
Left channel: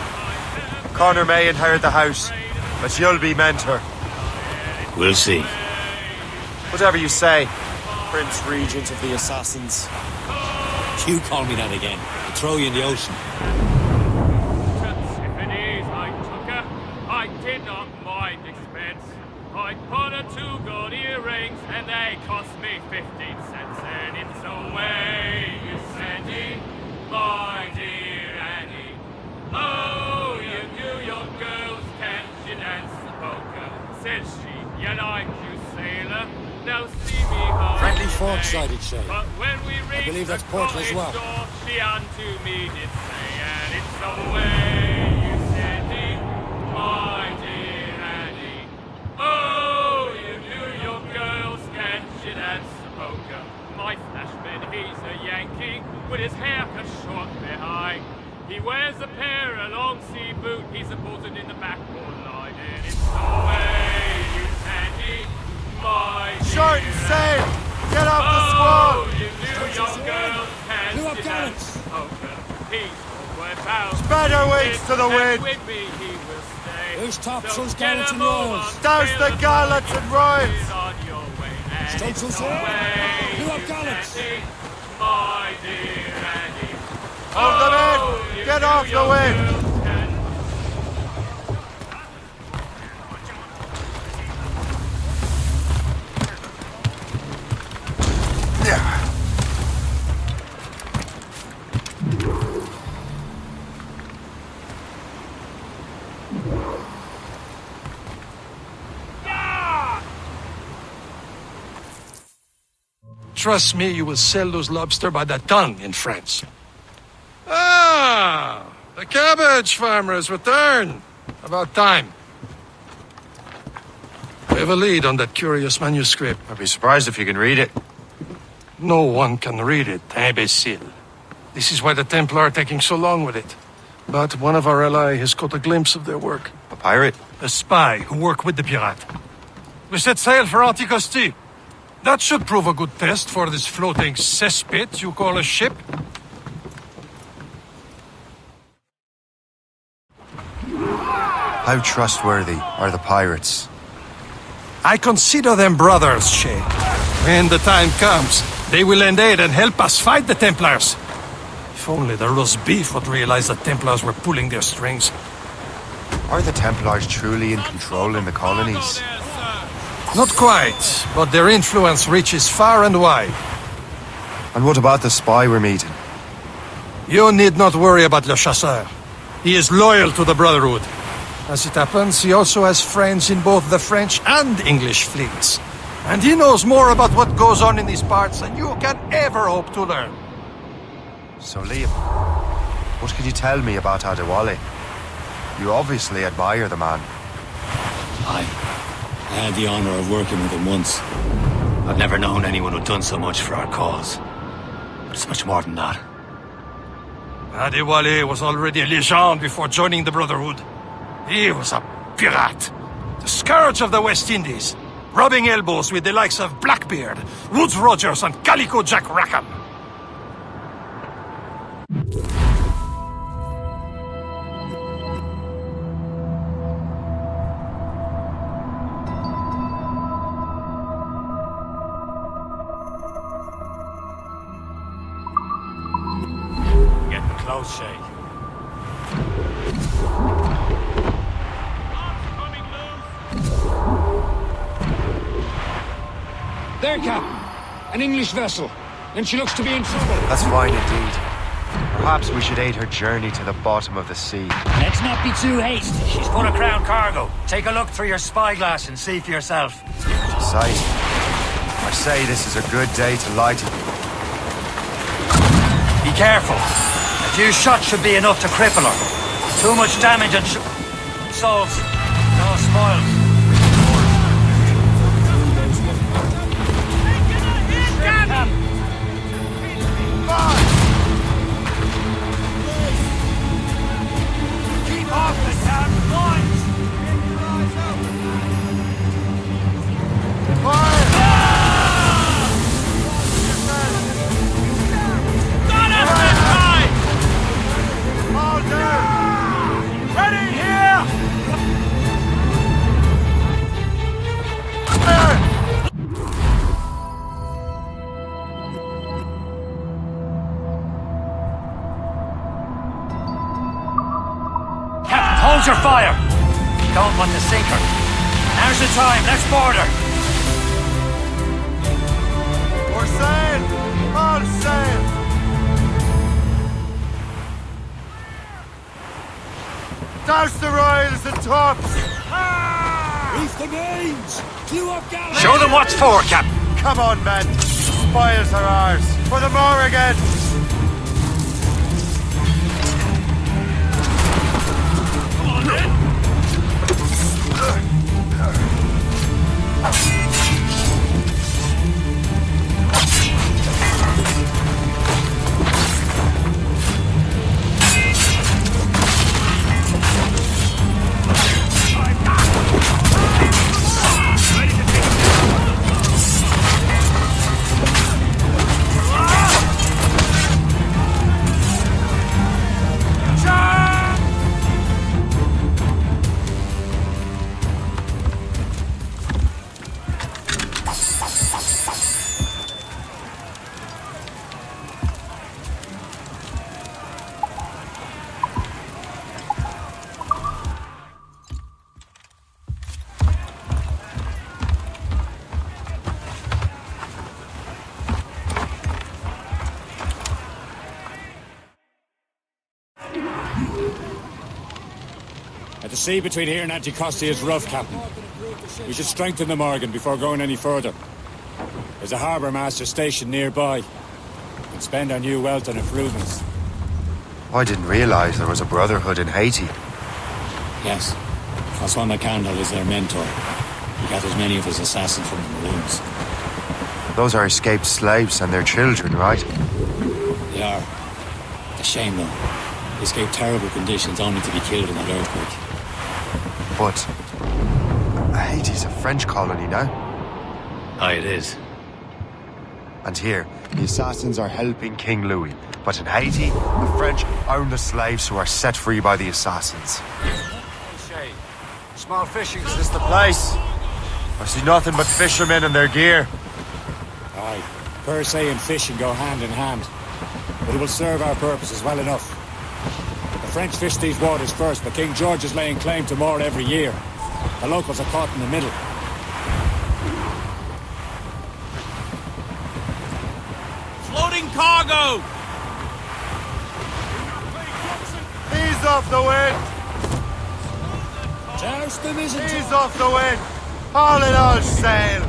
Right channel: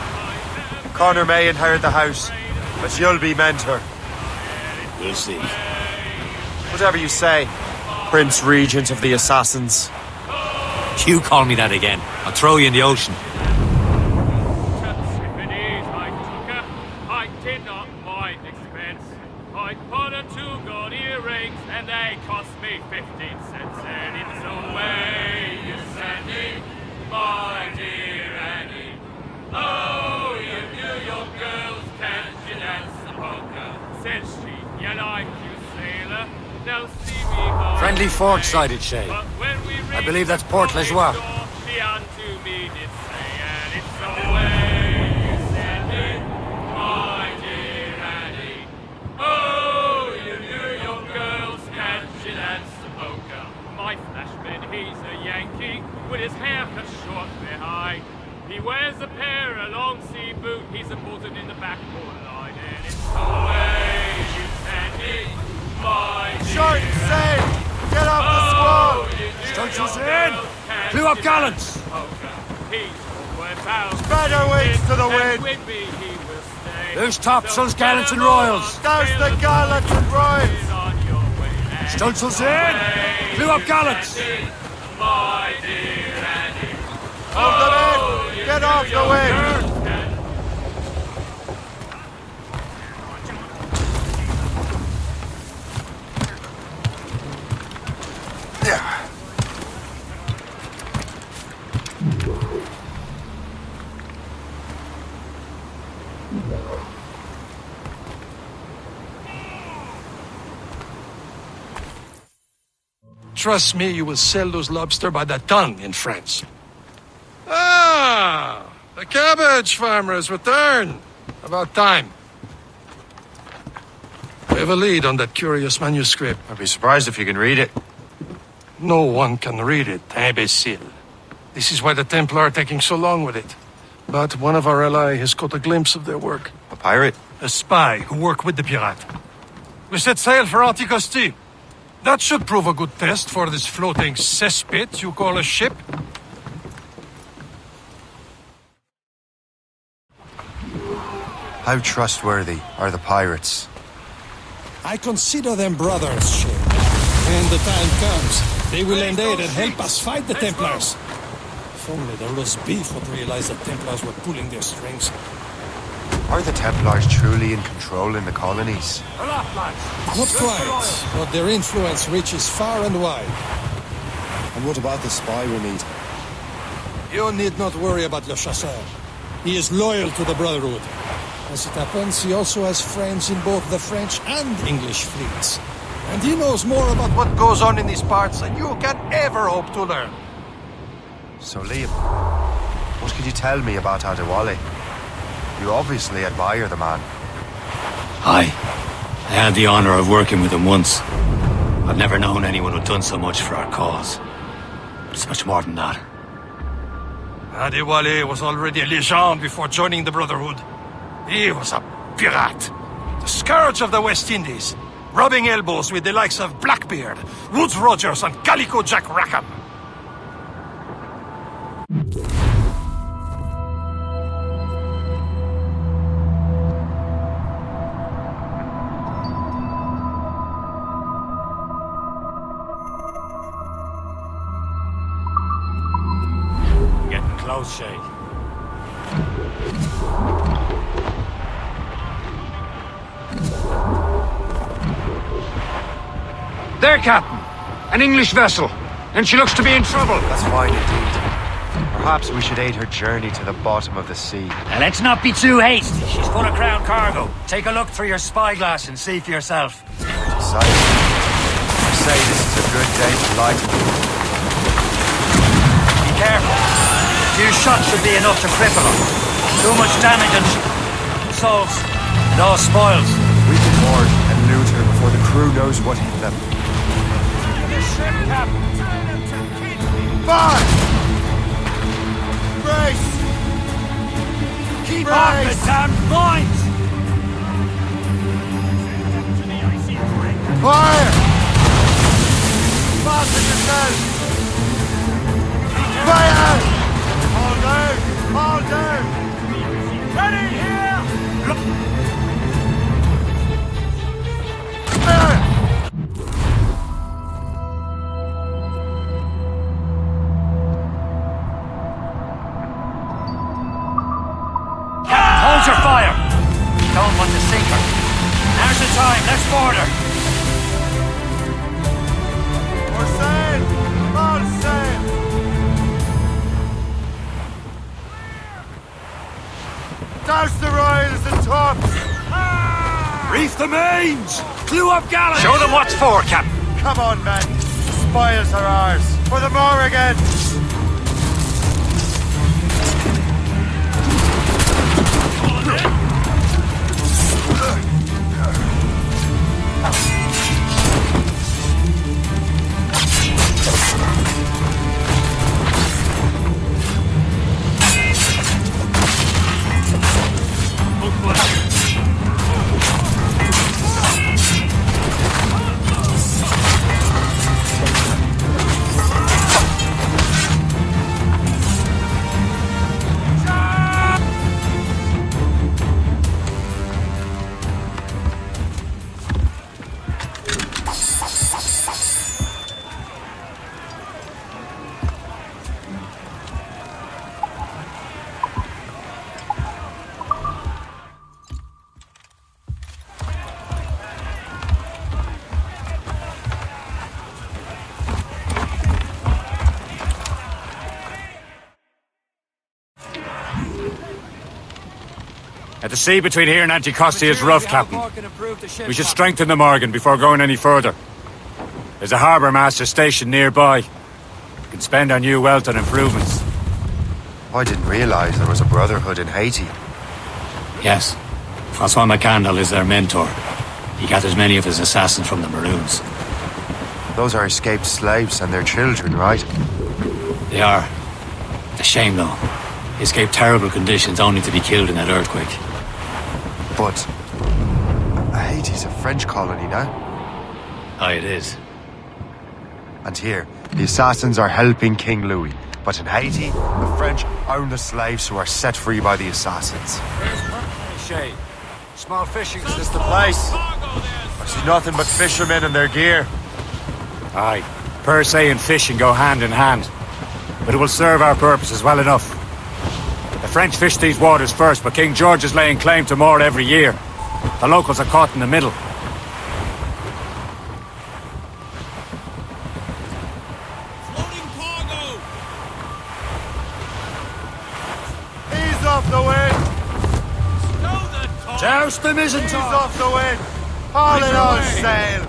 Connor may inherit the house, but you'll be mentor. We'll see. Whatever you say, Prince Regent of the Assassins. You call me that again, I'll throw you in the ocean. If it is I took her, I did not mind expense. I bought her 2 gold earrings and they cost me 15 cents. And it's away, you Sandy, my dear Annie. Oh, you New York girls, can't you dance the polka? Said she, you like you, sailor. Now see me home. Friendly forward-sided, Shay. But when we reached I believe that's the Port college Lazois. door, she unto me did say, and it's away, you Sandy, my dear Annie. Oh, you New York girls, can't with his hair cut short behind. He wears a pair of long sea boot, he's a buzzing in the backbone line, and it's the way you Sandy, my dear. Short and safe! Get off the Oh, squall! you knew young girls can't Blew up gallants! He's homeward bound. Spread our wings to the wind! With me he will stay. Who's topsails, So gallants and get 'em royals? on, Douse the sail gallants and royals! on your way, and it's Stunsails the in! way Blew up you gallants! Sandy, my dear Andy. Hold them in! You Get knew off the young wind! girls can't Trust me, you will sell those lobster by the ton in France. Ah! The cabbage farmer has returned. About time. We have a lead on that curious manuscript. I'd be surprised if you can read it. No one can read it, imbecile. This is why the Templar are taking so long with it. But one of our allies has caught a glimpse of their work. A pirate? A spy who worked with the pirate. We set sail for Anticosti. That should prove a good test for this floating cesspit you call a ship. How trustworthy are the pirates? I consider them brothers, Shay. When the time comes, they will lend aid and help us fight the Templars. If only the roast beef would realize the Templars were pulling their strings. Are the Templars truly in control in the colonies? Not quite, but their influence reaches far and wide. And what about the spy we're meeting? You need not worry about Le Chasseur. He is loyal to the Brotherhood. As it happens, he also has friends in both the French and English fleets. And he knows more about what goes on in these parts than you can ever hope to learn. So, Liam, what can you tell me about Adewale? You obviously admire the man. Aye. I had the honor of working with him once. I've never known anyone who'd done so much for our cause. But it's much more than that. Adewale was already a legend before joining the Brotherhood. He was a pirate. The scourge of the West Indies. Rubbing elbows with the likes of Blackbeard, Woodes Rogers, and Calico Jack Rackham. Getting close, Shay. There, Cap. An English vessel. And she looks to be in trouble. That's fine indeed. Perhaps we should aid her journey to the bottom of the sea. Let's not be too hasty. She's full of crown cargo. Take a look through your spyglass and see for yourself. Pretty sight. I say this is a good day to lighten. Be careful. A few shots should be enough to cripple her. Too much damage and souls. It all spoils. We can board and loot her before the crew knows what hit them. Fire! Keep off the damned mines! Fire! Fasten yourselves! Fire! All down! Ready here! Captain, hold your fire! Don't want to sink her. Now's the time, let's board her! For sail! All sail! Douse the royals and tops! Reef the mains! Blew up galleys! Show them what's for, Captain! Come on, men! The spoils are ours! For the more again! sea between here and Anticosti is rough, Captain. We should strengthen the Morgan before going any further. There's a harbour master stationed nearby. We could spend our new wealth on improvements. I didn't realize there was a brotherhood in Haiti. Yes. Francois McCandle is their mentor. He gathers many of his assassins from the Maroons. Those are escaped slaves and their children, right? They are. A shame, though. They escaped terrible conditions only to be killed in an earthquake. But Haiti's a French colony now. Aye, it is. And here, the assassins are helping King Louis. But in Haiti, the French own the slaves who are set free by the assassins. Shay, small fishing... Is this the place? I see nothing but fishermen and their gear. Aye, per se and fishing go hand in hand. But it will serve our purposes well enough. The French fish these waters first, but King George is laying claim to more every year. The locals are caught in the middle. Loading cargo! Ease off the wind! Douse them is Ease off the wind! All in all sail!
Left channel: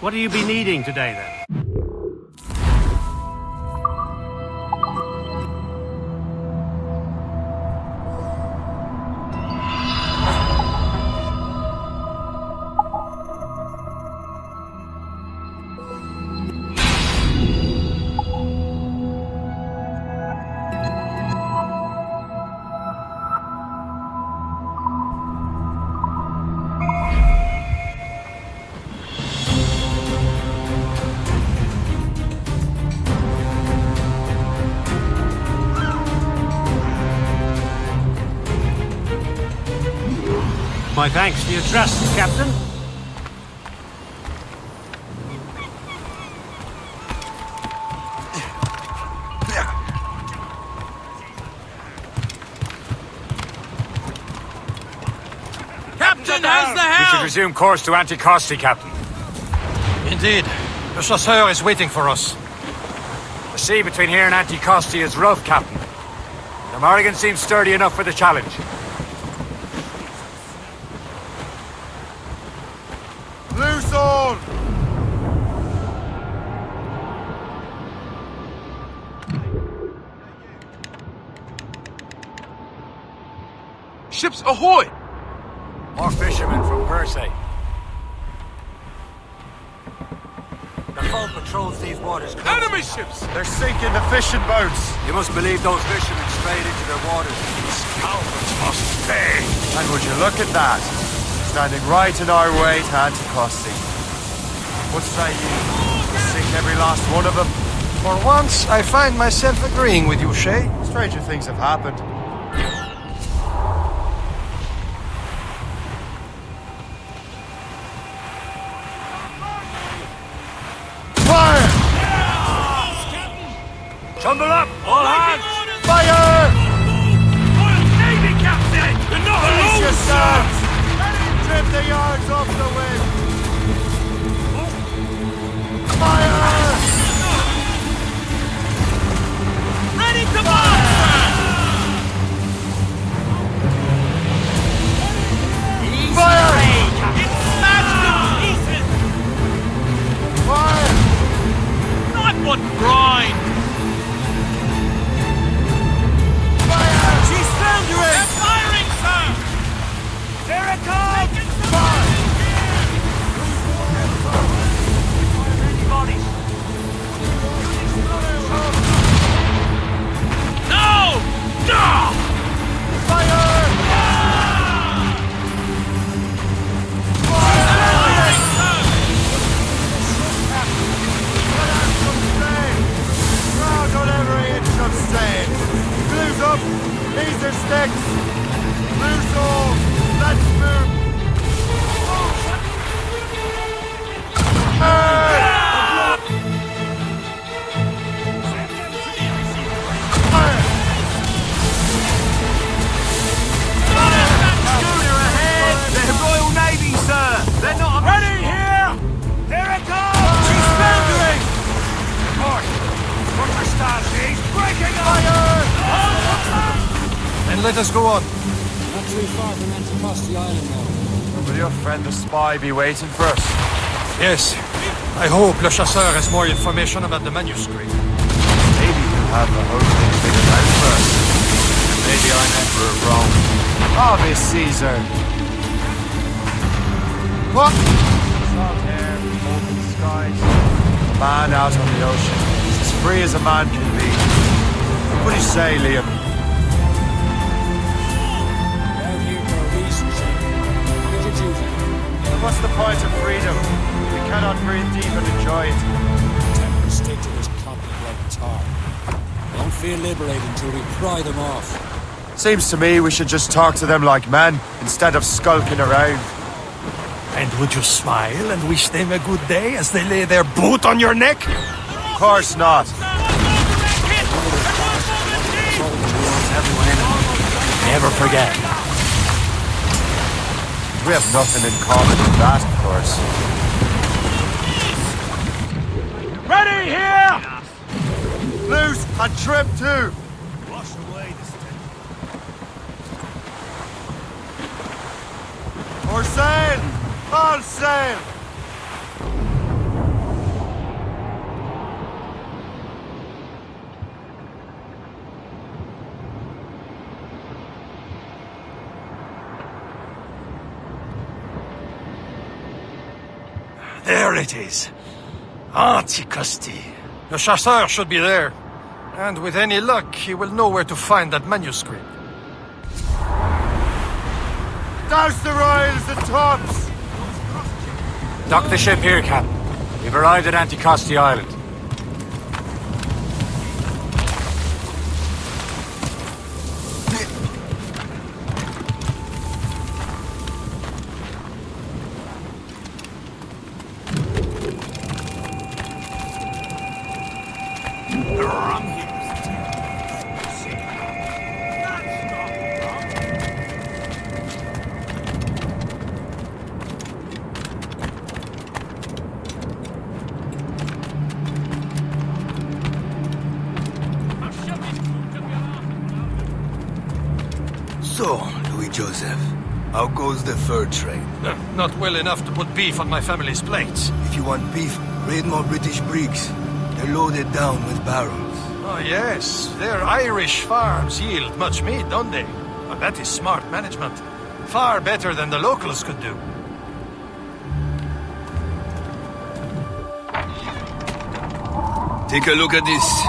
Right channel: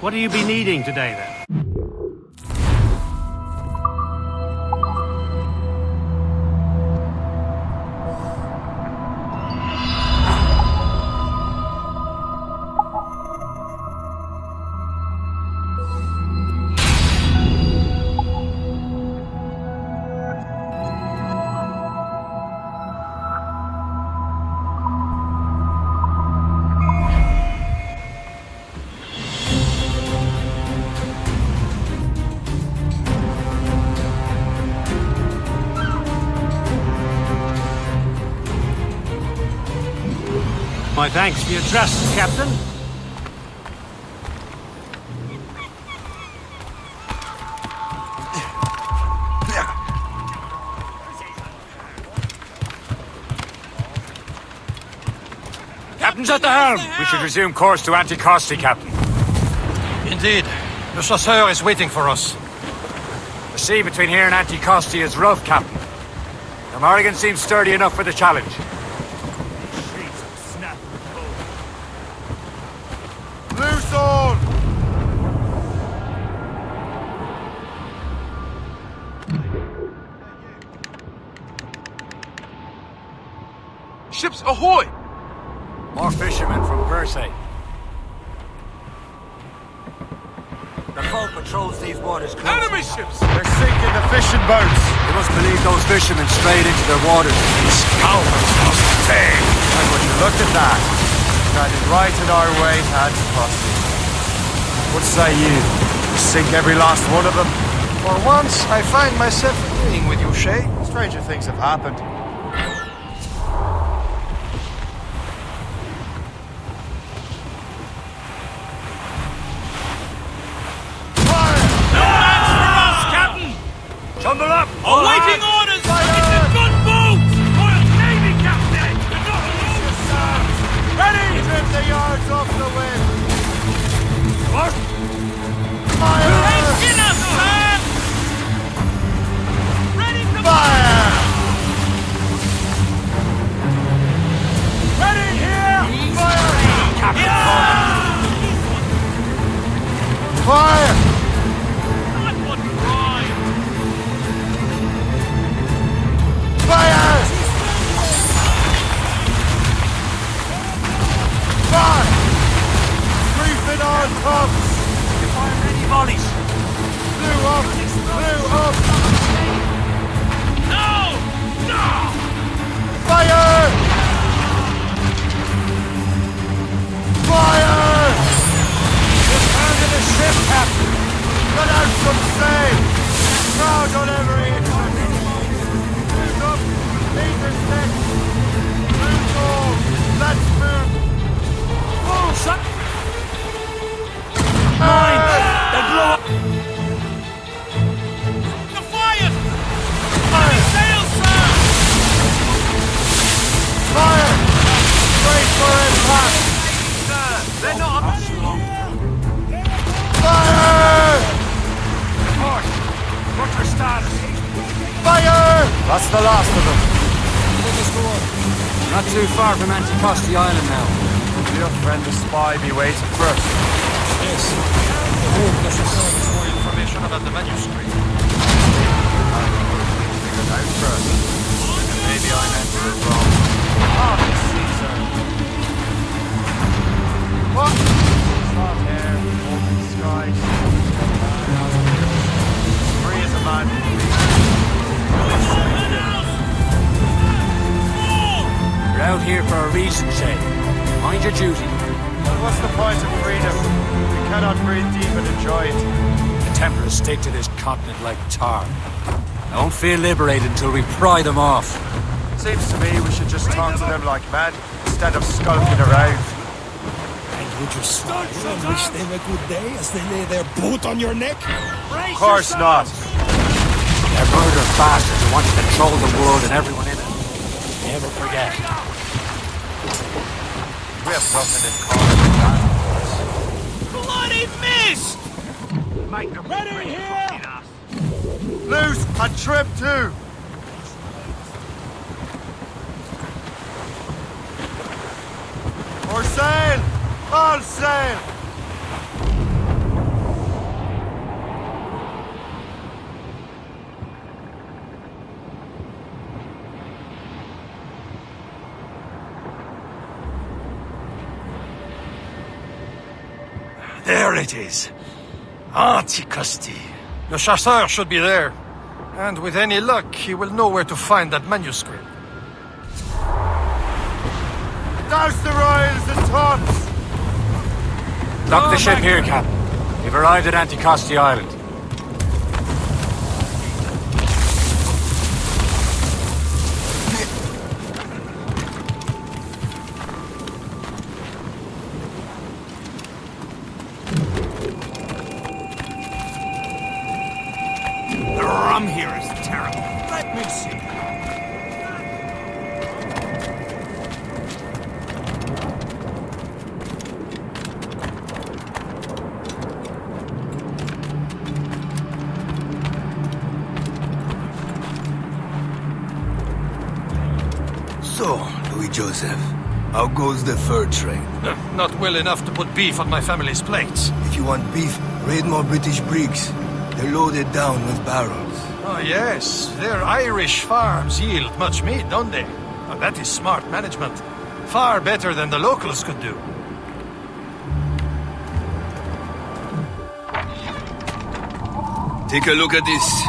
What do you be needing today, then? My thanks for your trust, Captain. Captain's at the helm! We should resume course to Anticosti, Captain. Indeed. Le chasseur is waiting for us. The sea between here and Anticosti is rough, Captain. The Morrigan seems sturdy enough for the challenge. Loose all! Ships ahoy! More fishermen from Persay. The foe patrols these waters closely. Enemy ships! They're sinking the fishing boats! You must believe those fishermen strayed into their waters. Scoundrels must pay! And would you look at that? Standing right in our way to Anticosti. What say you? We sink every last one of them? For once, I find myself agreeing with you, Shay. Stranger things have happened. Fire! Tumble up! All hands! orders! Fire! Gunboat! Royal Navy, Captain! You're not alone, sir! Trim the yards off the wind! Fire! Ready to Fire! Ready here! Easy Fire! prey, Captain! Fire! Not what grind! Fire! Fire! Creeping on top! You fire many volleys. Blew up! Blew up! No! No! Fire! Fire! Under the ship, Captain. Let out some sail! Crowd on every inch of sail! Blues up! These are sticks! Blues all! Let's move! Oh, shut! Hey! status? Fire! That's the last of them. Let us go on. Not too far from Anticosti Island now. Will your friend the spy be waiting for us? Yes. I hope Le Chasseur has more information about the manuscript. Maybe he'll have the whole thing figured out for us. And maybe I'm Emperor of Rome. Obvious Caesar. What? Salt air, open skies, man out on the ocean. It's as free as a man can be. What do you say, Liam? You're out here for a reason, Shay. Mind your duty. And what's the point of freedom if we cannot breathe deep and enjoy it? The Templars stick to this continent like tar. Don't feel liberated till we pry them off. Seems to me we should just talk to them like men instead of skulking around. And would you smile and wish them a good day as they lay their boot on your neck? Of course not. Control the world and everyone in it. Never forget. We have nothing in common with that, of course. Ready here! Loose and trim too! Or sail! All sail! There it is. Anticosti. Le Chasseur should be there. And with any luck, he will know where to find that manuscript. Douse the royals and tops! Dock the ship here, Captain. We've arrived at Anticosti Island. The rum here is terrible. Let me see. That's not rum. So, Louis Joseph, how goes the fur trade? Not well enough to put beef on my family's plates. If you want beef, raid more British brigs. They're loaded down with barrels. Oh, yes. Their Irish farms yield much meat, don't they? Oh, that is smart management. Far better than the locals could do. Take a look at this.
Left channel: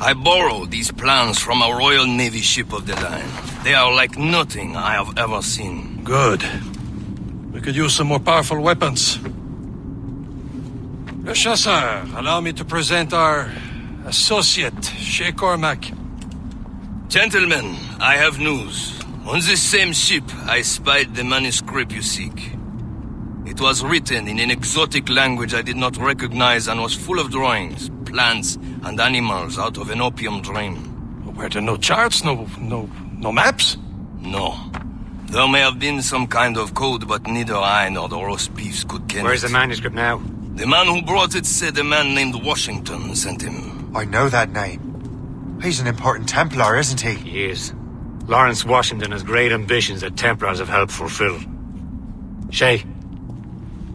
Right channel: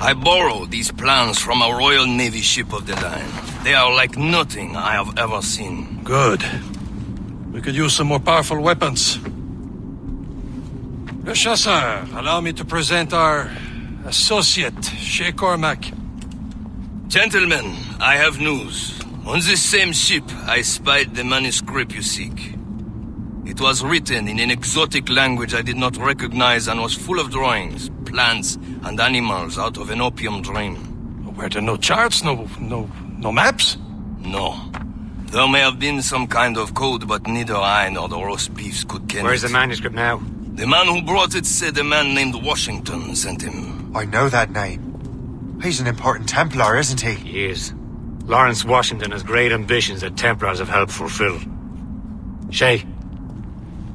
I borrowed these plans from a Royal Navy ship of the line. They are like nothing I have ever seen. Good. We could use some more powerful weapons. Le Chasseur, allow me to present our associate, Shay Cormac. Gentlemen, I have news. On this same ship, I spied the manuscript you seek. It was written in an exotic language I did not recognize and was full of drawings, plants, and animals out of an opium dream. Were there no charts, no maps? No. There may have been some kind of code, but neither I nor the roast beefs could ken Where's it. the manuscript now? The man who brought it said a man named Washington sent him. I know that name. He's an important Templar, isn't he? He is. Lawrence Washington has great ambitions that Templars have helped fulfill. Shay,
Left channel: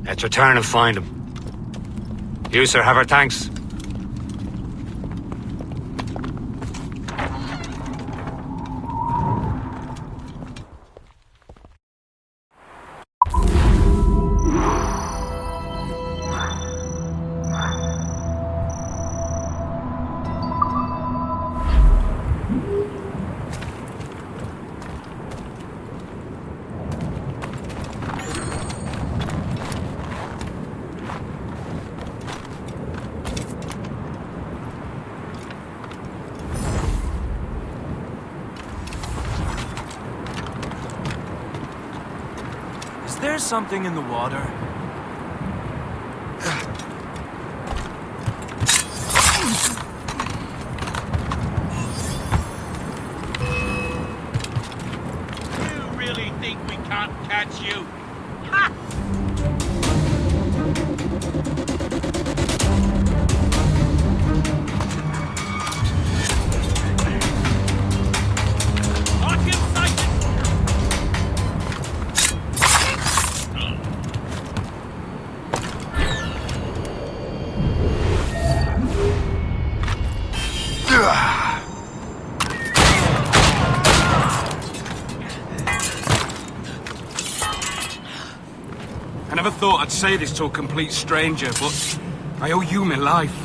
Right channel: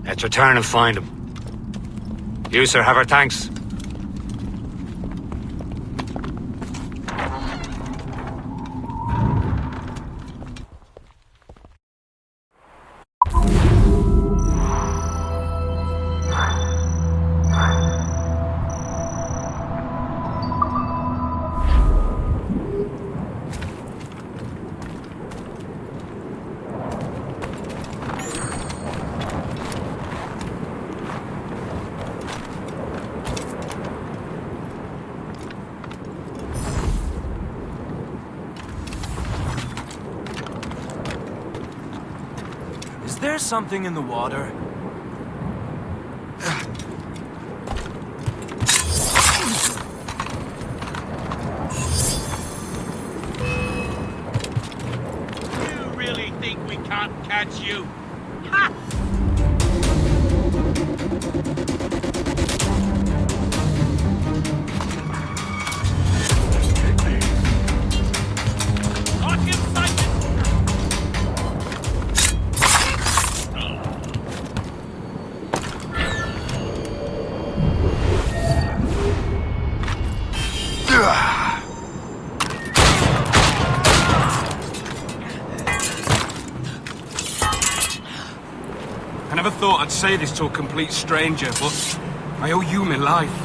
let's return and find him. You, sir, have our thanks. Is there something in the water? You really think we can't catch you? Ha! I never thought I'd say this to a complete stranger, but I owe you my life.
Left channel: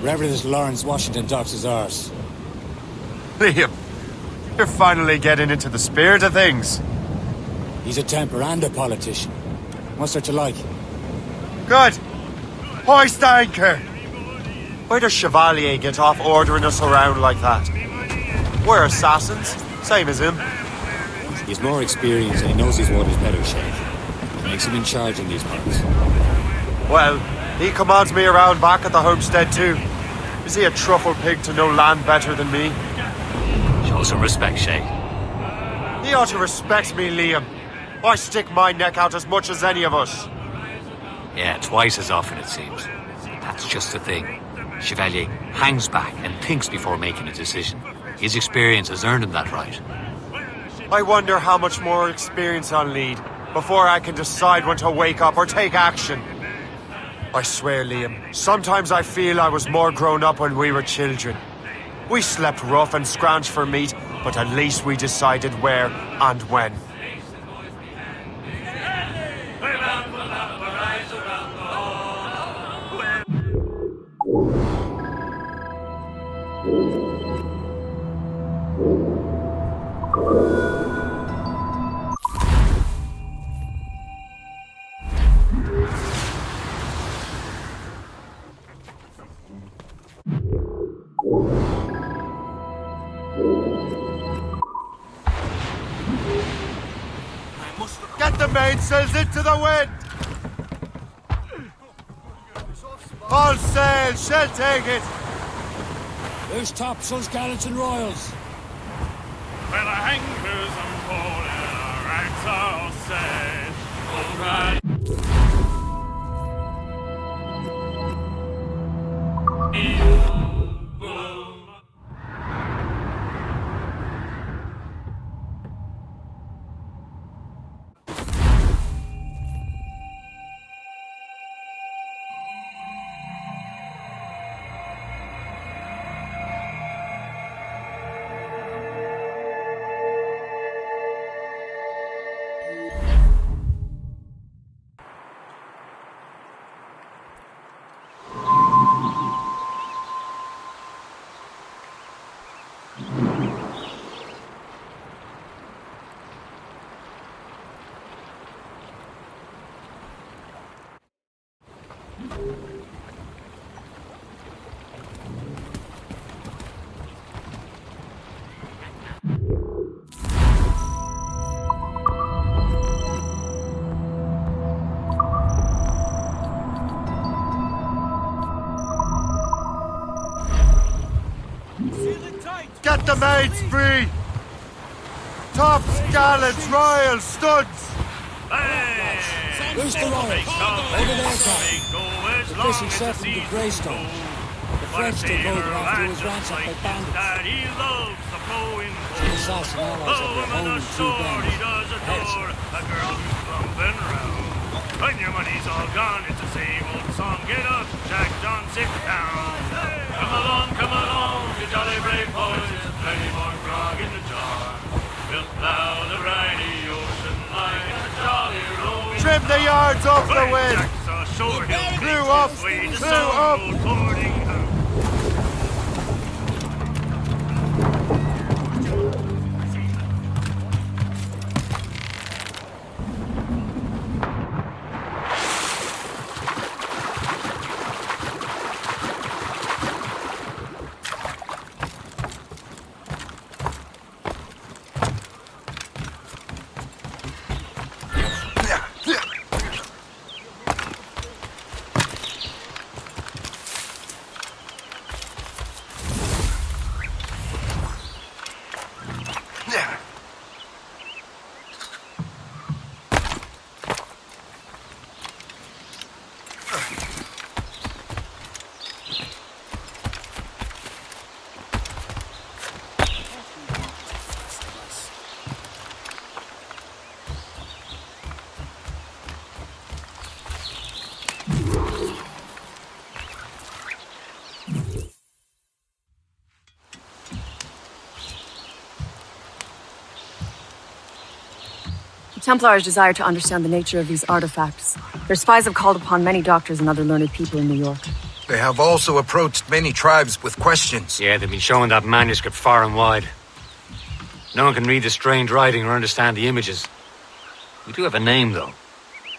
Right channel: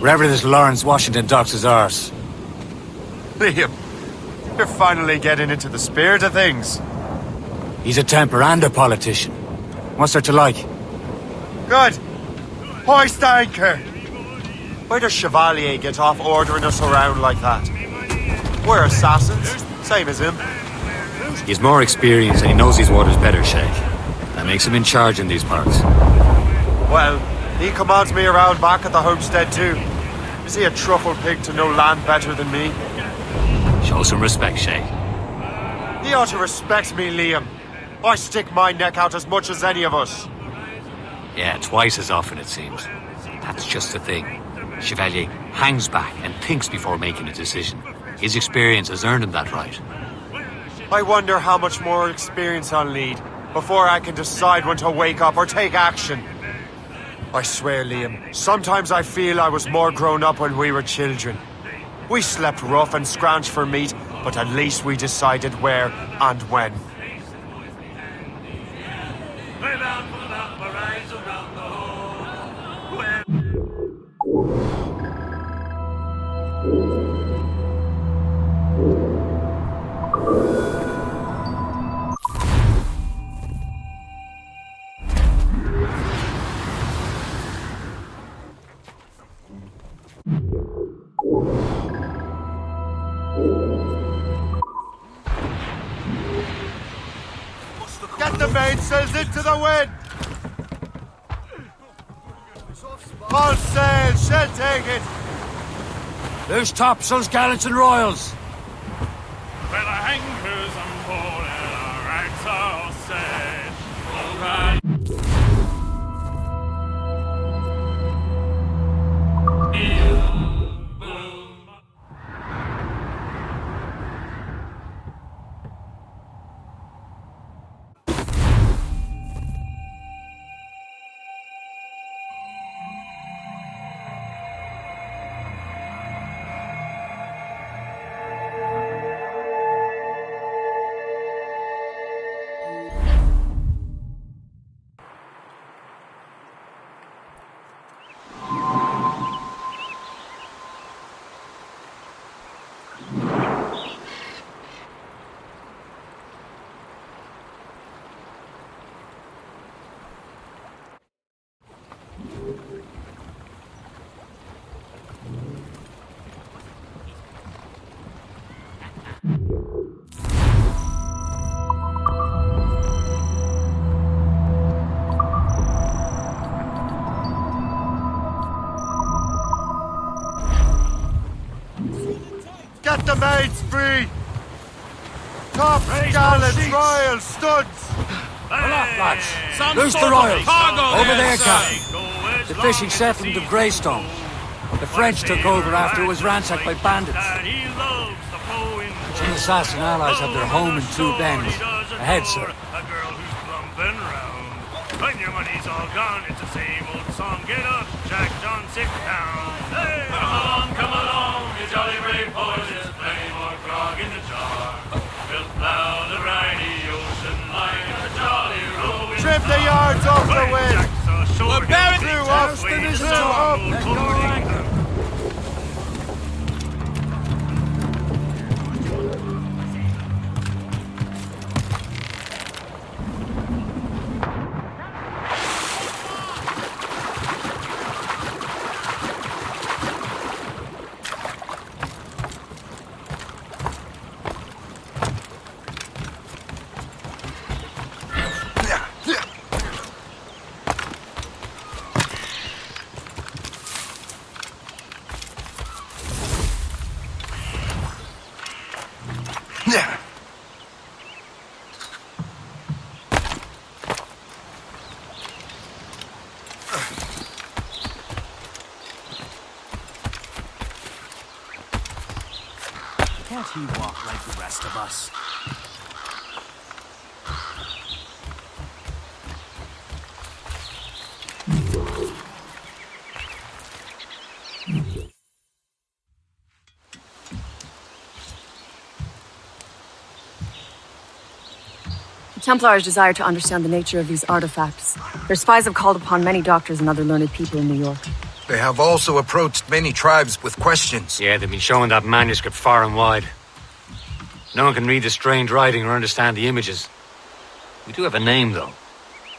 Wherever this Lawrence Washington docks his arse. Liam, you're finally getting into the spirit of things. He's a Templar and a politician. What's there to like? Good. Hoist anchor. Why does Chevalier get off ordering us around like that? We're assassins, same as him. He's more experienced and he knows these waters better, Shay. That makes him in charge in these parts. Well, he commands me around back at the homestead too. Is he a truffle pig to know land better than me? Show some respect, Shay. He ought to respect me, Liam. I stick my neck out as much as any of us. Yeah, twice as often it seems. That's just the thing. Chevalier hangs back and thinks before making a decision. His experience has earned him that right. I wonder how much more experience I'll need before I can decide when to wake up or take action. I swear, Liam, sometimes I feel I was more grown up when we were children. We slept rough and scrounged for meat, but at least we decided where and when. Get the mainsails into the wind! All sail, shall take it! Loose topsails, gallants and royals. Well, our anchors and pole and our ranks are all set. All right. Set the maids free! Tops, gallants, royals, studs! Who's the royal? Over there, Captain. The fishing set from the Greystone. The French took over after he was ransacked by bandits. That he loves the flowing The assassin allies of the home he does adore a girl who's plumping round. When your money's all gone, it's the same old song. Get up, Jack John, sit down. Come along, you jolly brave boys. There's plenty more grog in the jar. We'll plow the briny ocean like a jolly rowing. Trim the yards off the wind! Clew up! Clew up! Can't you walk like the rest of us? The Templars desire to understand the nature of these artifacts. Their spies have called upon many doctors and other learned people in New York. They have also approached many tribes with questions. Yeah, they've been showing that manuscript far and wide. No one can read the strange writing or understand the images. We do have a name, though.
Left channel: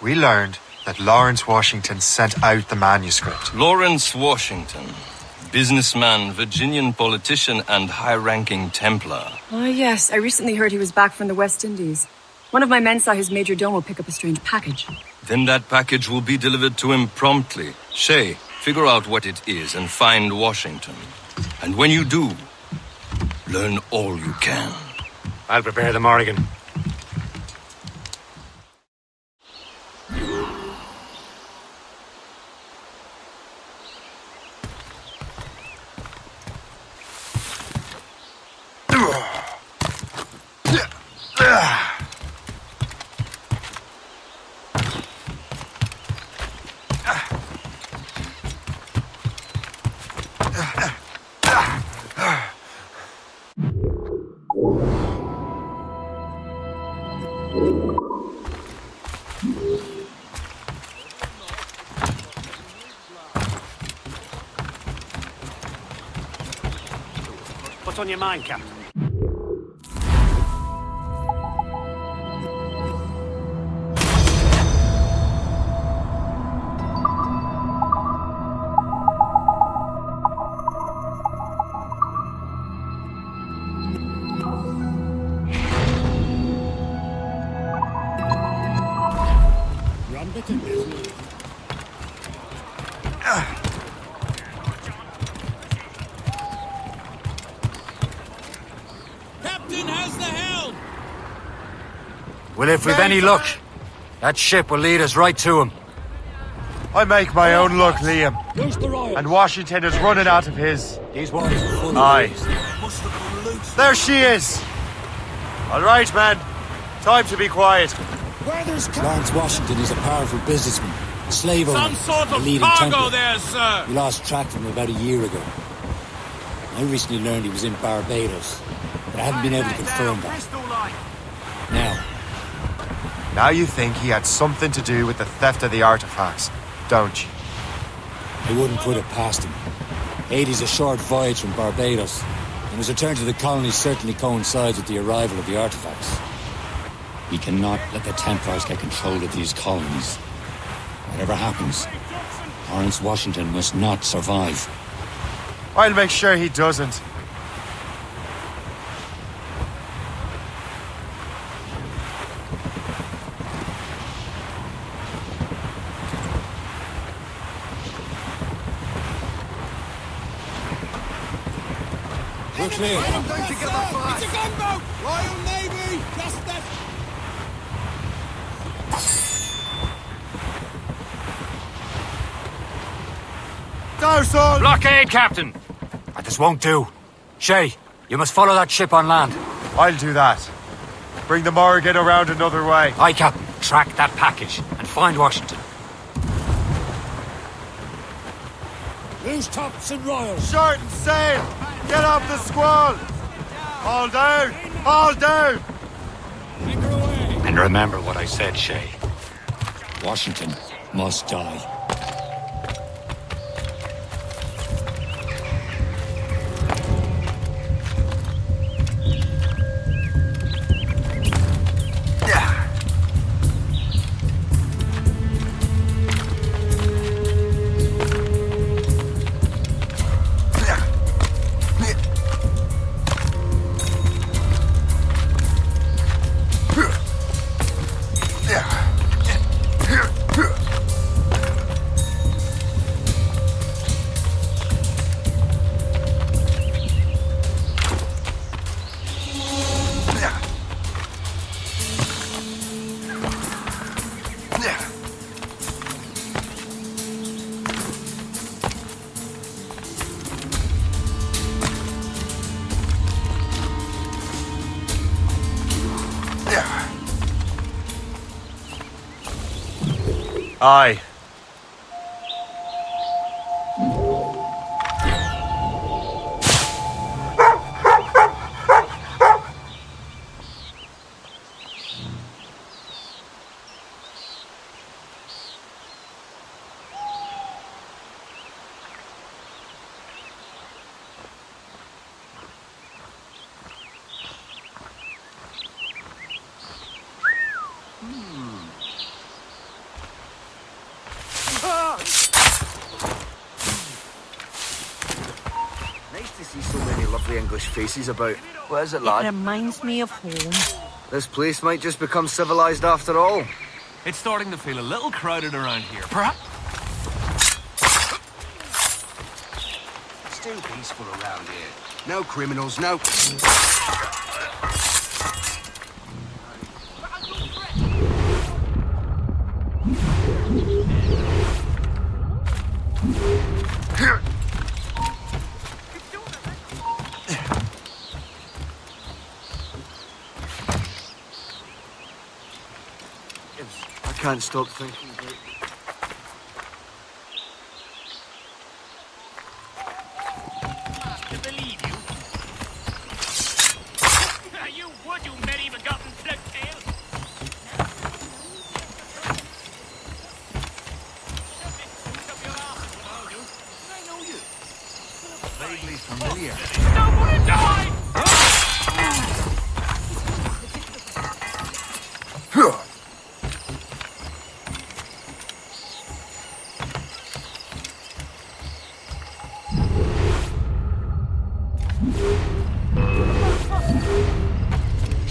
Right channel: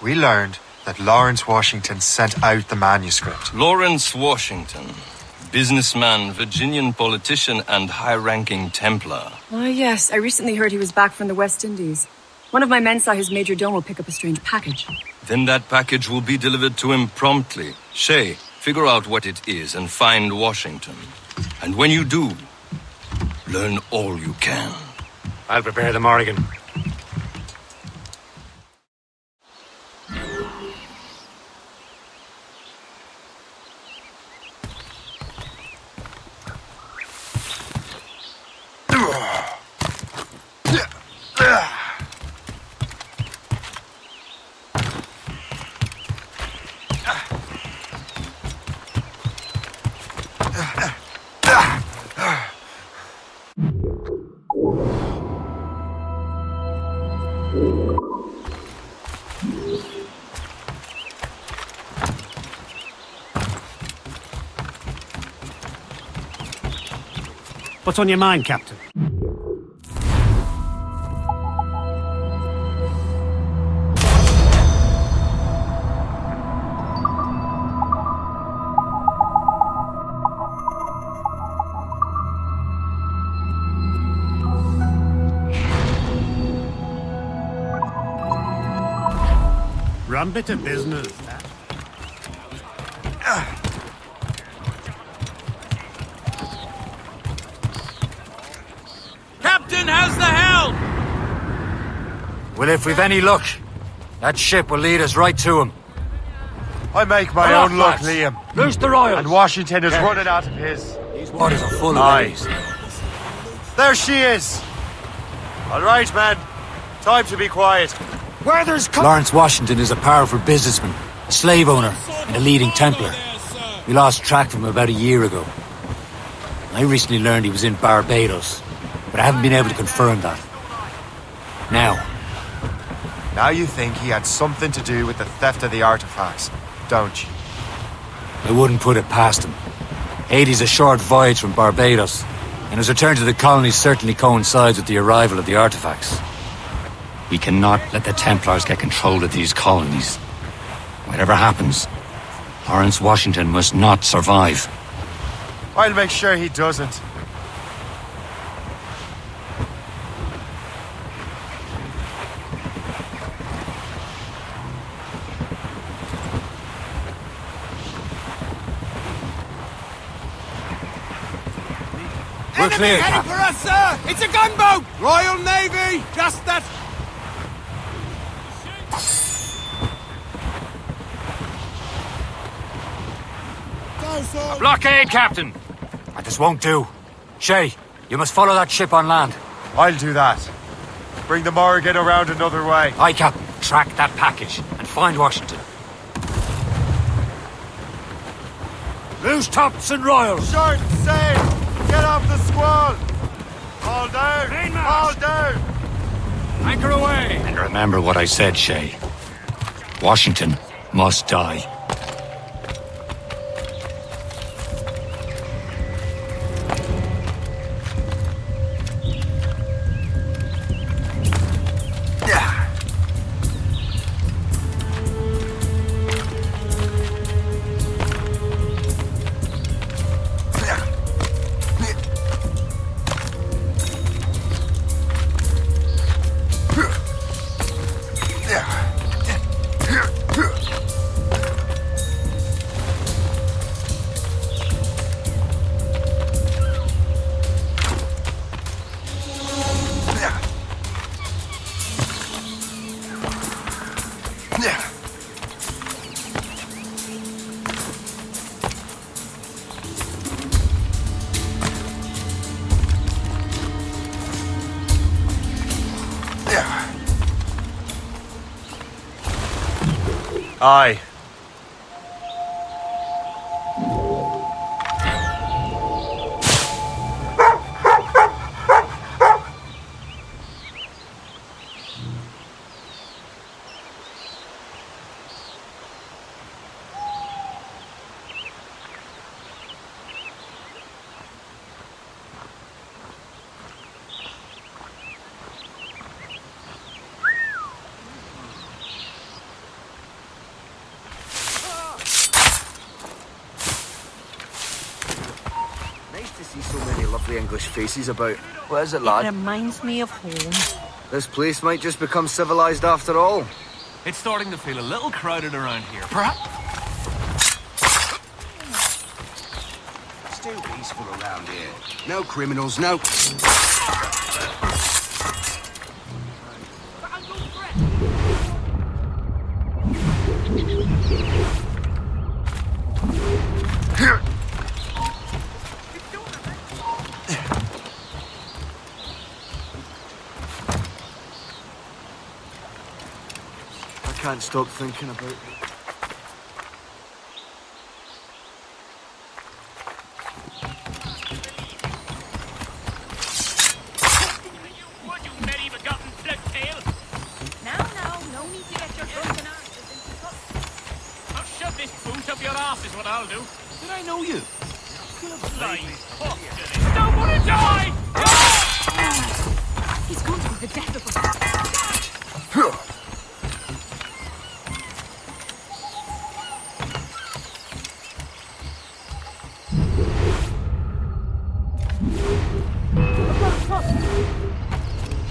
We learned that Lawrence Washington sent out the manuscript. Lawrence Washington. Businessman, Virginian politician, and high-ranking Templar. Ah, yes. I recently heard he was back from the West Indies. One of my men saw his major domo pick up a strange package. Then that package will be delivered to him promptly. Shay, figure out what it is and find Washington. And when you do, learn all you can. I'll prepare the Morrigan. What's on your mind, Captain? Rum bit of business. Captain, how's the helm? Well, if we've any luck, that ship will lead us right to him. I make my own luck, Liam. Who's the royal? And Washington is running out of his. These waters are full of Aye. ladies. There she is! All right, man. Time to be quiet. Lawrence Washington is a powerful businessman, a slave owner, a leading Templar. We lost track of him about a year ago. I recently learned he was in Barbados, but I haven't been able to confirm that. Now you think he had something to do with the theft of the artifacts, don't you? I wouldn't put it past him. Haiti's a short voyage from Barbados, and his return to the colony certainly coincides with the arrival of the artifacts. We cannot let the Templars get control of these colonies. Whatever happens, Lawrence Washington must not survive. I'll make sure he doesn't. We're clear, Captain. sir! It's a gunboat! Royal Navy! Just that... A blockade, Captain! This won't do. Shay, you must follow that ship on land. I'll do that. Bring the Morrigan around another way. Aye, Captain. Track that package and find Washington. Who's Thompson Royal? Short and sail! Get off the squall! All down! All down! Anchor away! And remember what I said, Shay. Washington must die. Aye. Nice to see so many lovely English faces about. What is it, lad? It reminds me of home. This place might just become civilized after all. It's starting to feel a little crowded around here. Perhaps... Still peaceful around here. No criminals, no... I can't stop thinking about it.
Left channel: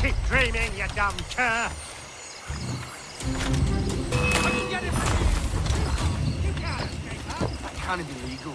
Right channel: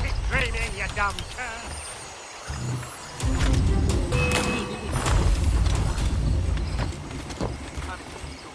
Keep dreaming, you dumb cur! Can't be legal.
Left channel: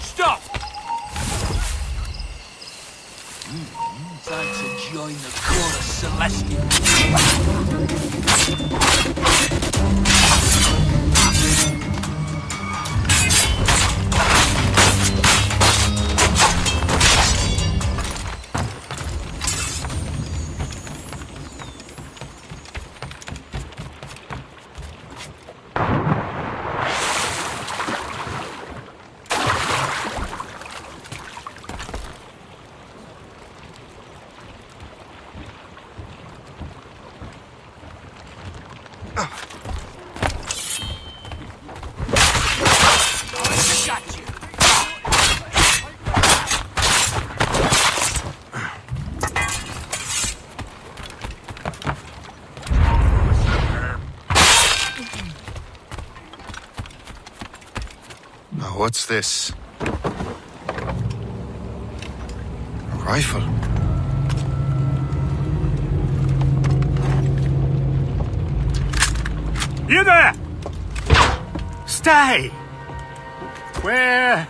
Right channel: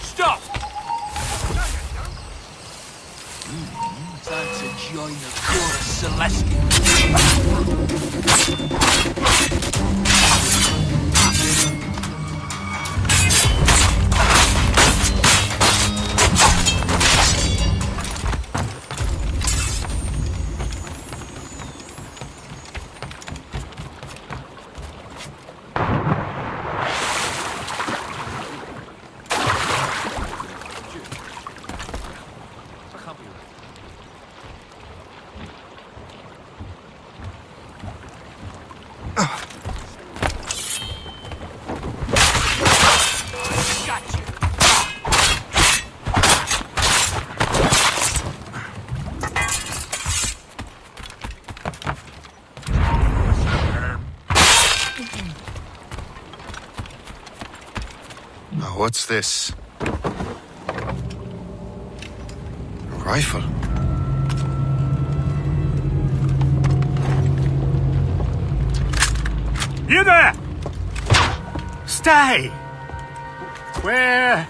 Stop! Time to join the Chorus Celestial. What's this? A rifle? You there! Stay! Where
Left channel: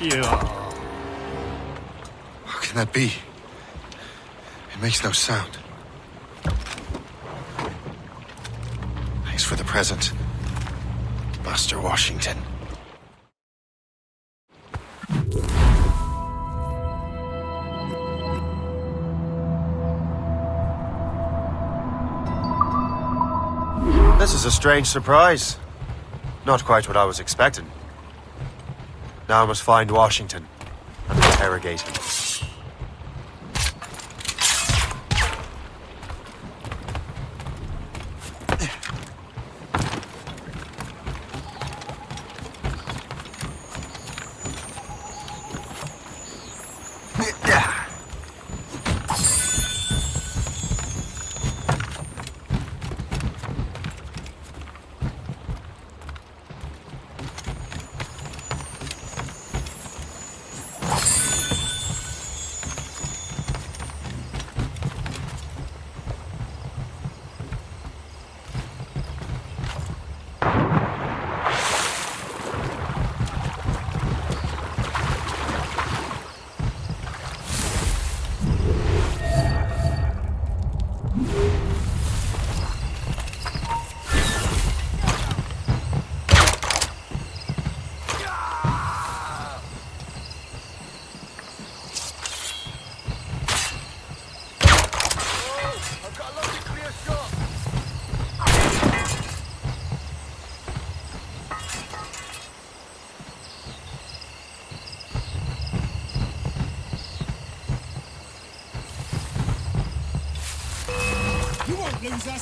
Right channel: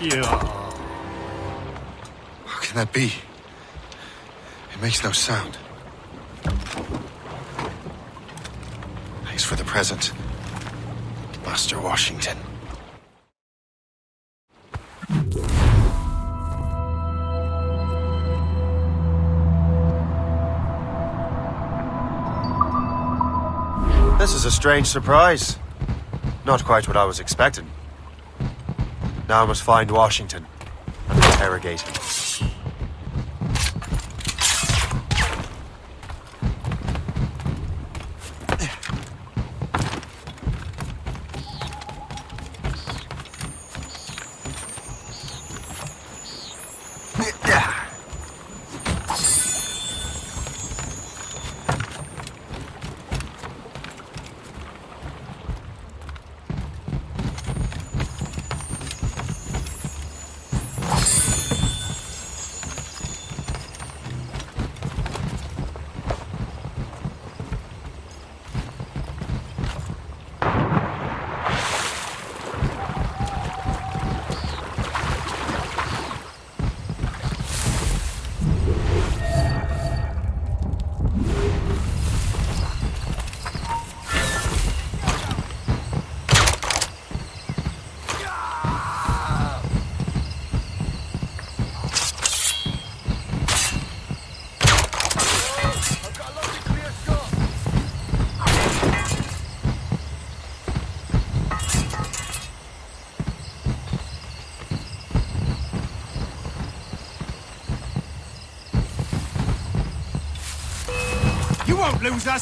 you are? How can that be? It makes no sound. Thanks for the present, Master Washington. This is a strange surprise. Not quite what I was expecting. Now I must find Washington and interrogate him.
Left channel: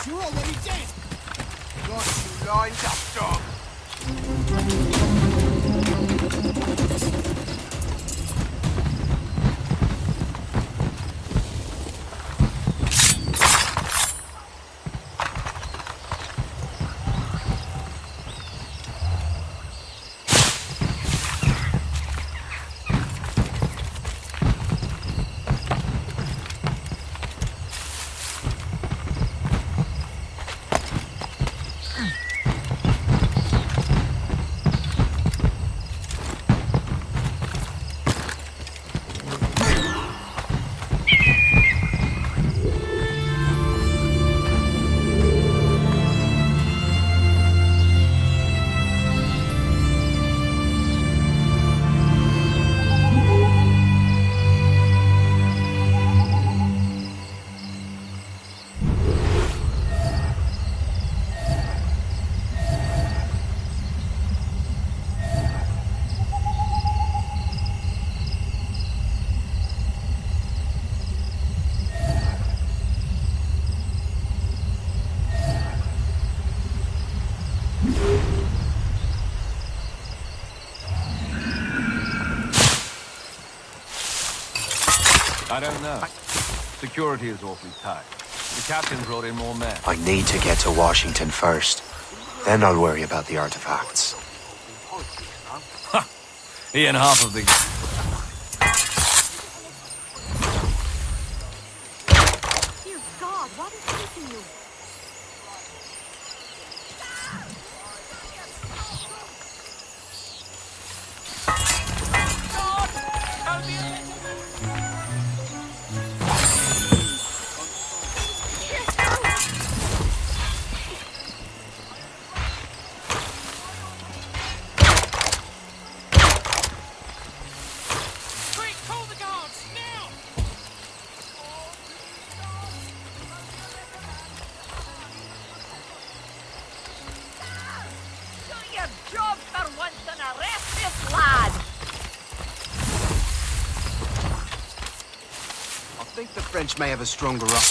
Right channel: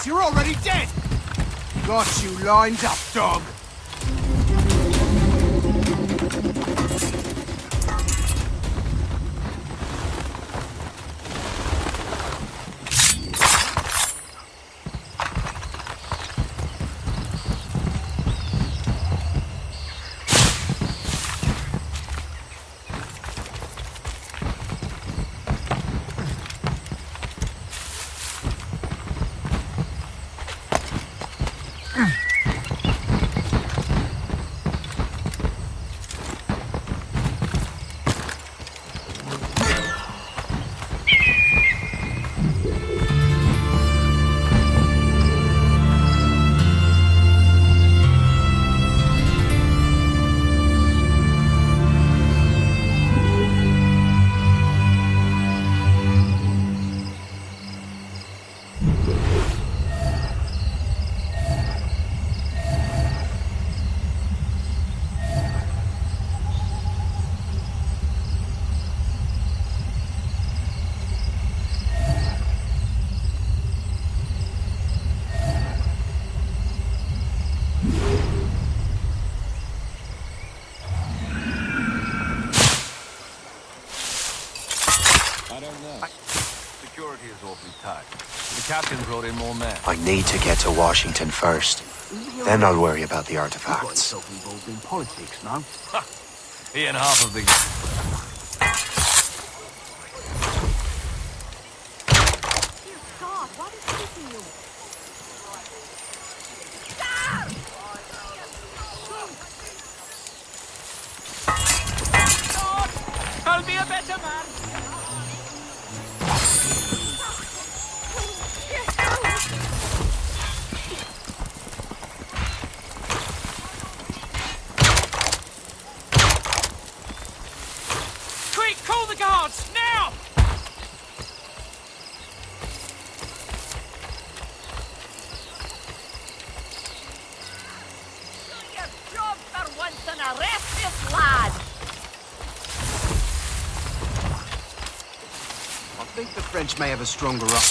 You're already dead! Got you lined up, dog! Security is awfully tight. The captain brought in more men. I need to get to Washington first. Then I'll worry about the artifacts. He and half of the... What is taking you? I'll be a better man. Quick, call the guards, now! Do your job for once and arrest this lad! I think the French may have a stronger up.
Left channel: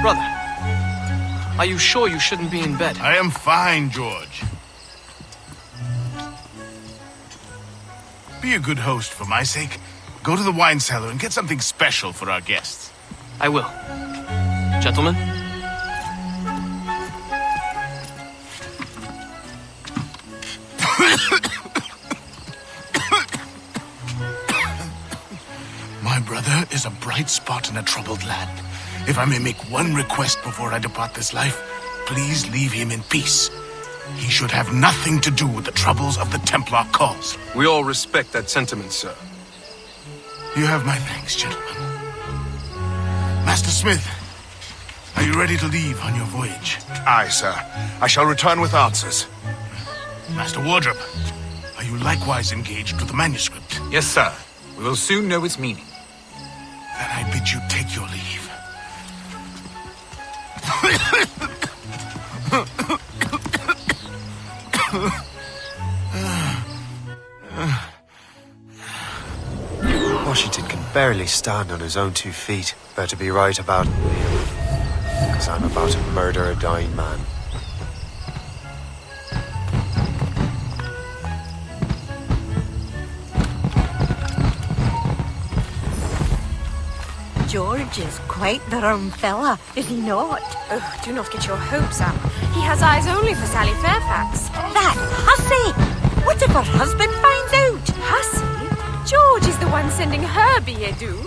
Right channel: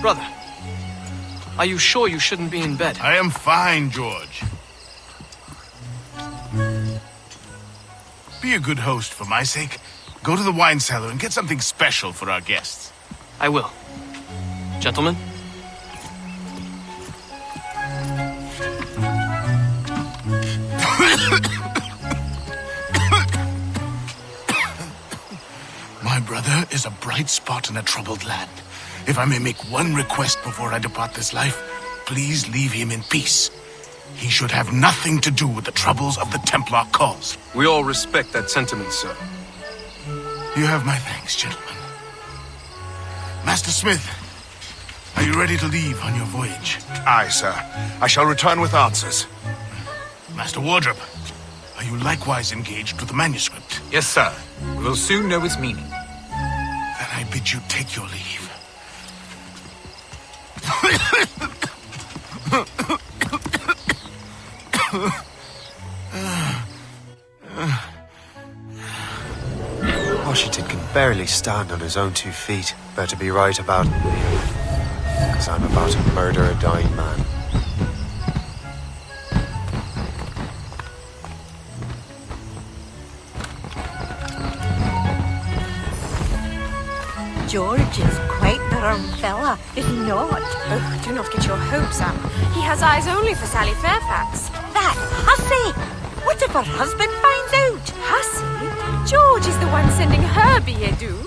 Brother, are you sure you shouldn't be in bed? I am fine, George. Be a good host for my sake. Go to the wine cellar and get something special for our guests. I will. Gentlemen? My brother is a bright spot in a troubled land. If I may make one request before I depart this life, please leave him in peace. He should have nothing to do with the troubles of the Templar cause. We all respect that sentiment, sir. You have my thanks, gentlemen. Master Smith, are you ready to leave on your voyage? Aye, sir. I shall return with answers. Master Wardrop, are you likewise engaged with the manuscript? Yes, sir. We will soon know its meaning. Then I bid you take your leave. Washington can barely stand on his own 2 feet. Better be right about me, because I'm about to murder a dying man. George is quite the rum fella, is he not? Oh, do not get your hopes up. He has eyes only for Sally Fairfax. That hussy! What if her husband finds out? Hussy? George is the one sending her billet doux.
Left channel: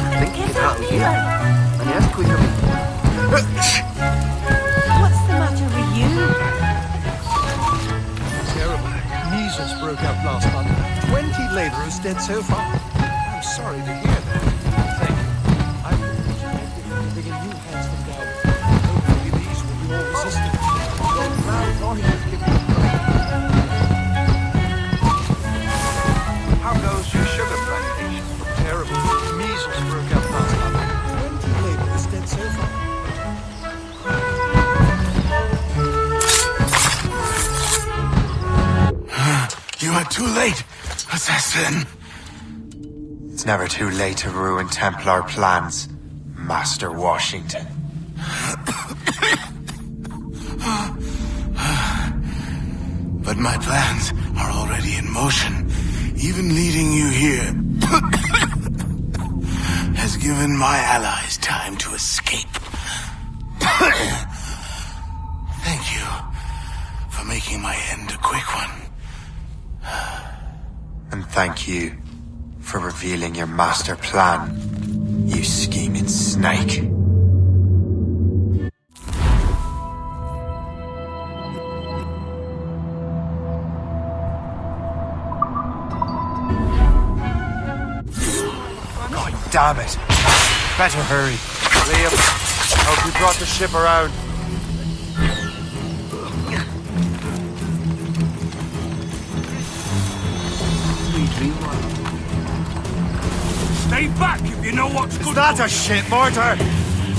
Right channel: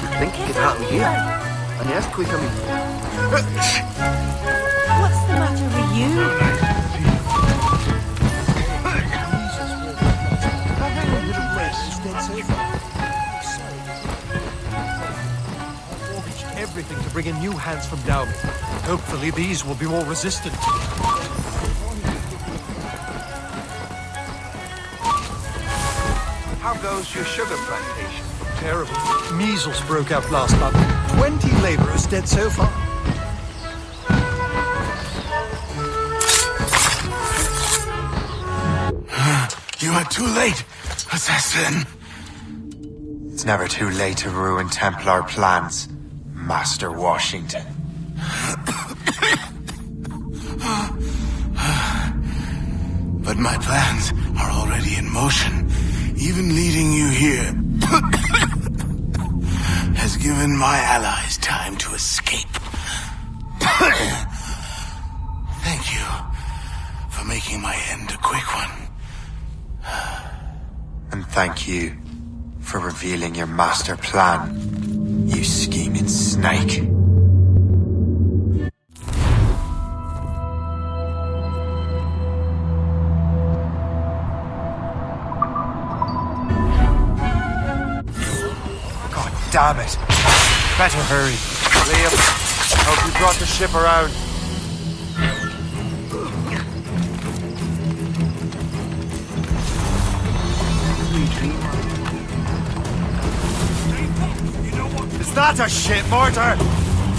I think it could happen here. An earthquake, I mean. What's the matter with you? How goes your sugar plantation? Terrible. Measles broke out last month. 20 laborers dead so far. You are too late, assassin. It's never too late to ruin Templar plans, Master Washington. But my plans are already in motion. Even leading you here has given my allies time to escape. Thank you for making my end a quick one. And thank you for revealing your master plan, you scheming snake. God damn it! Better hurry. Liam, hope you brought the ship around. We dream. Stay back if you know what's Is good. that a shit mortar?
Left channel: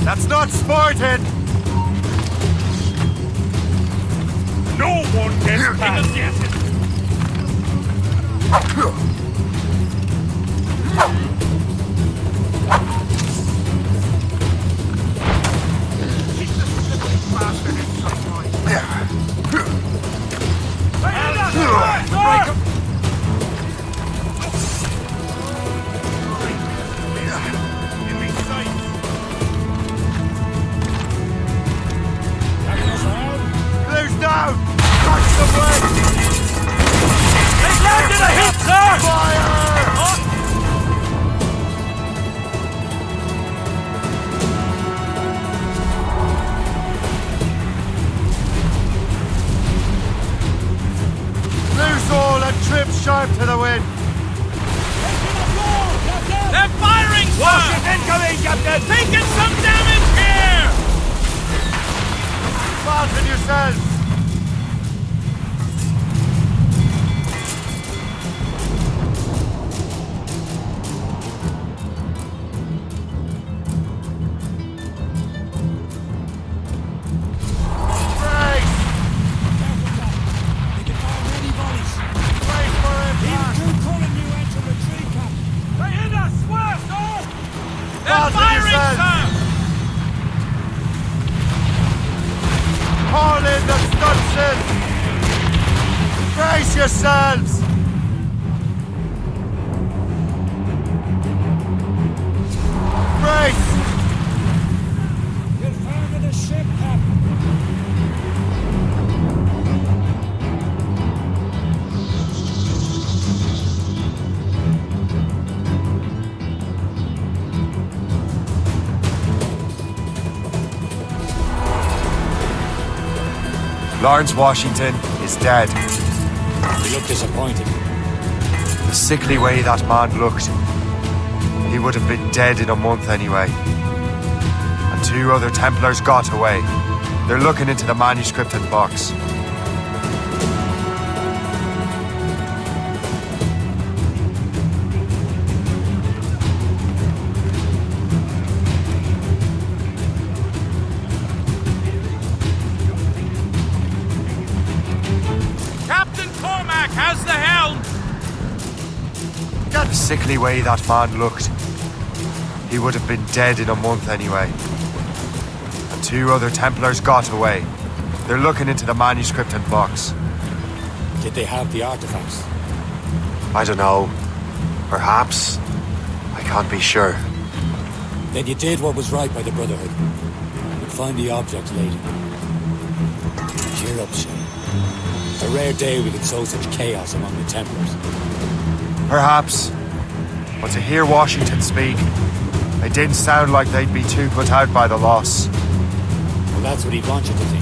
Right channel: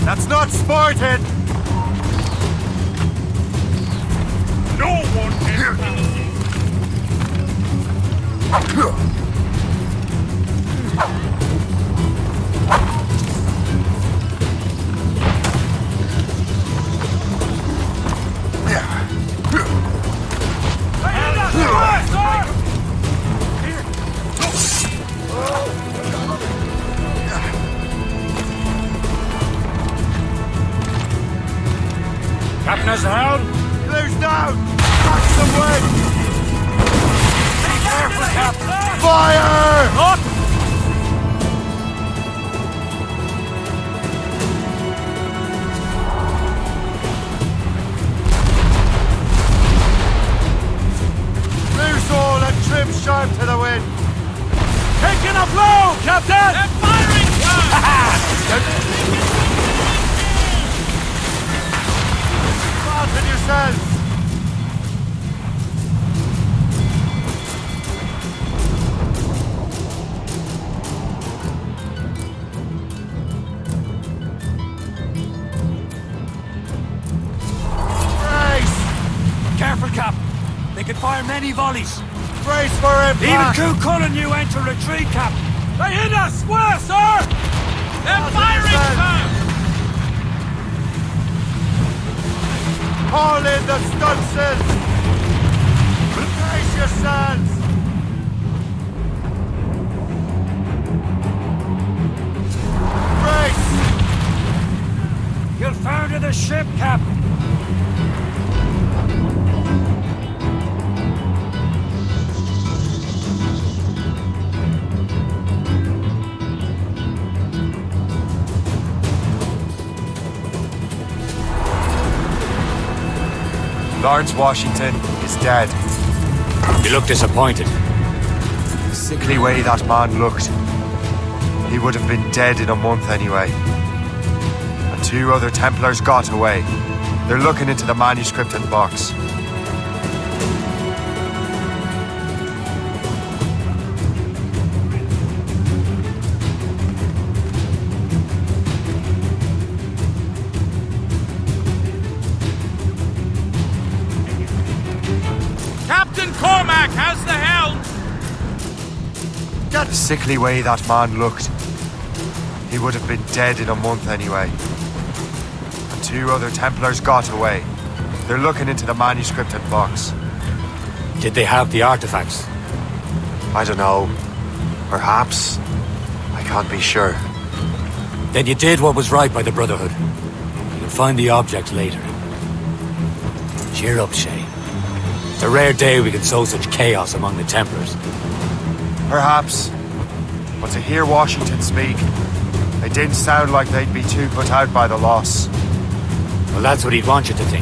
That's not sporting! No one gets past yet. Captain's down. Blue's down! Catch some wind! They landed a hit, sir! Fire! Up! Loose all and trim sharp to the wind! Taking a blow, Captain! They're firing, sir! They can come down in here! Fasten yourselves! Brace! Careful, Cap. They can fire many volleys. Brace for Even impact! Coup calling you enter retreat, Cap. They hit us! Where, sir? They're Fasten firing, yourselves. sir! Haul in the stunsails! Brace yourselves! Brace! You'll founder the ship, Cap. Lawrence Washington is dead. You look disappointed. The sickly way that man looked. He would have been dead in a month anyway. And 2 other Templars got away. They're looking into the manuscript and box. Captain Cormac has the helm! The sickly way that man looked. He would have been dead in a month anyway. And 2 other Templars got away. They're looking into the manuscript and box. Did they have the artifacts? I don't know. Perhaps. I can't be sure. Then you did what was right by the Brotherhood. You'll find the objects later. Cheer up, Shay. It's a rare day we can sow such chaos among the Templars. Perhaps. But to hear Washington speak, it didn't sound like they'd be too put out by the loss. Well, that's what he'd want you to think.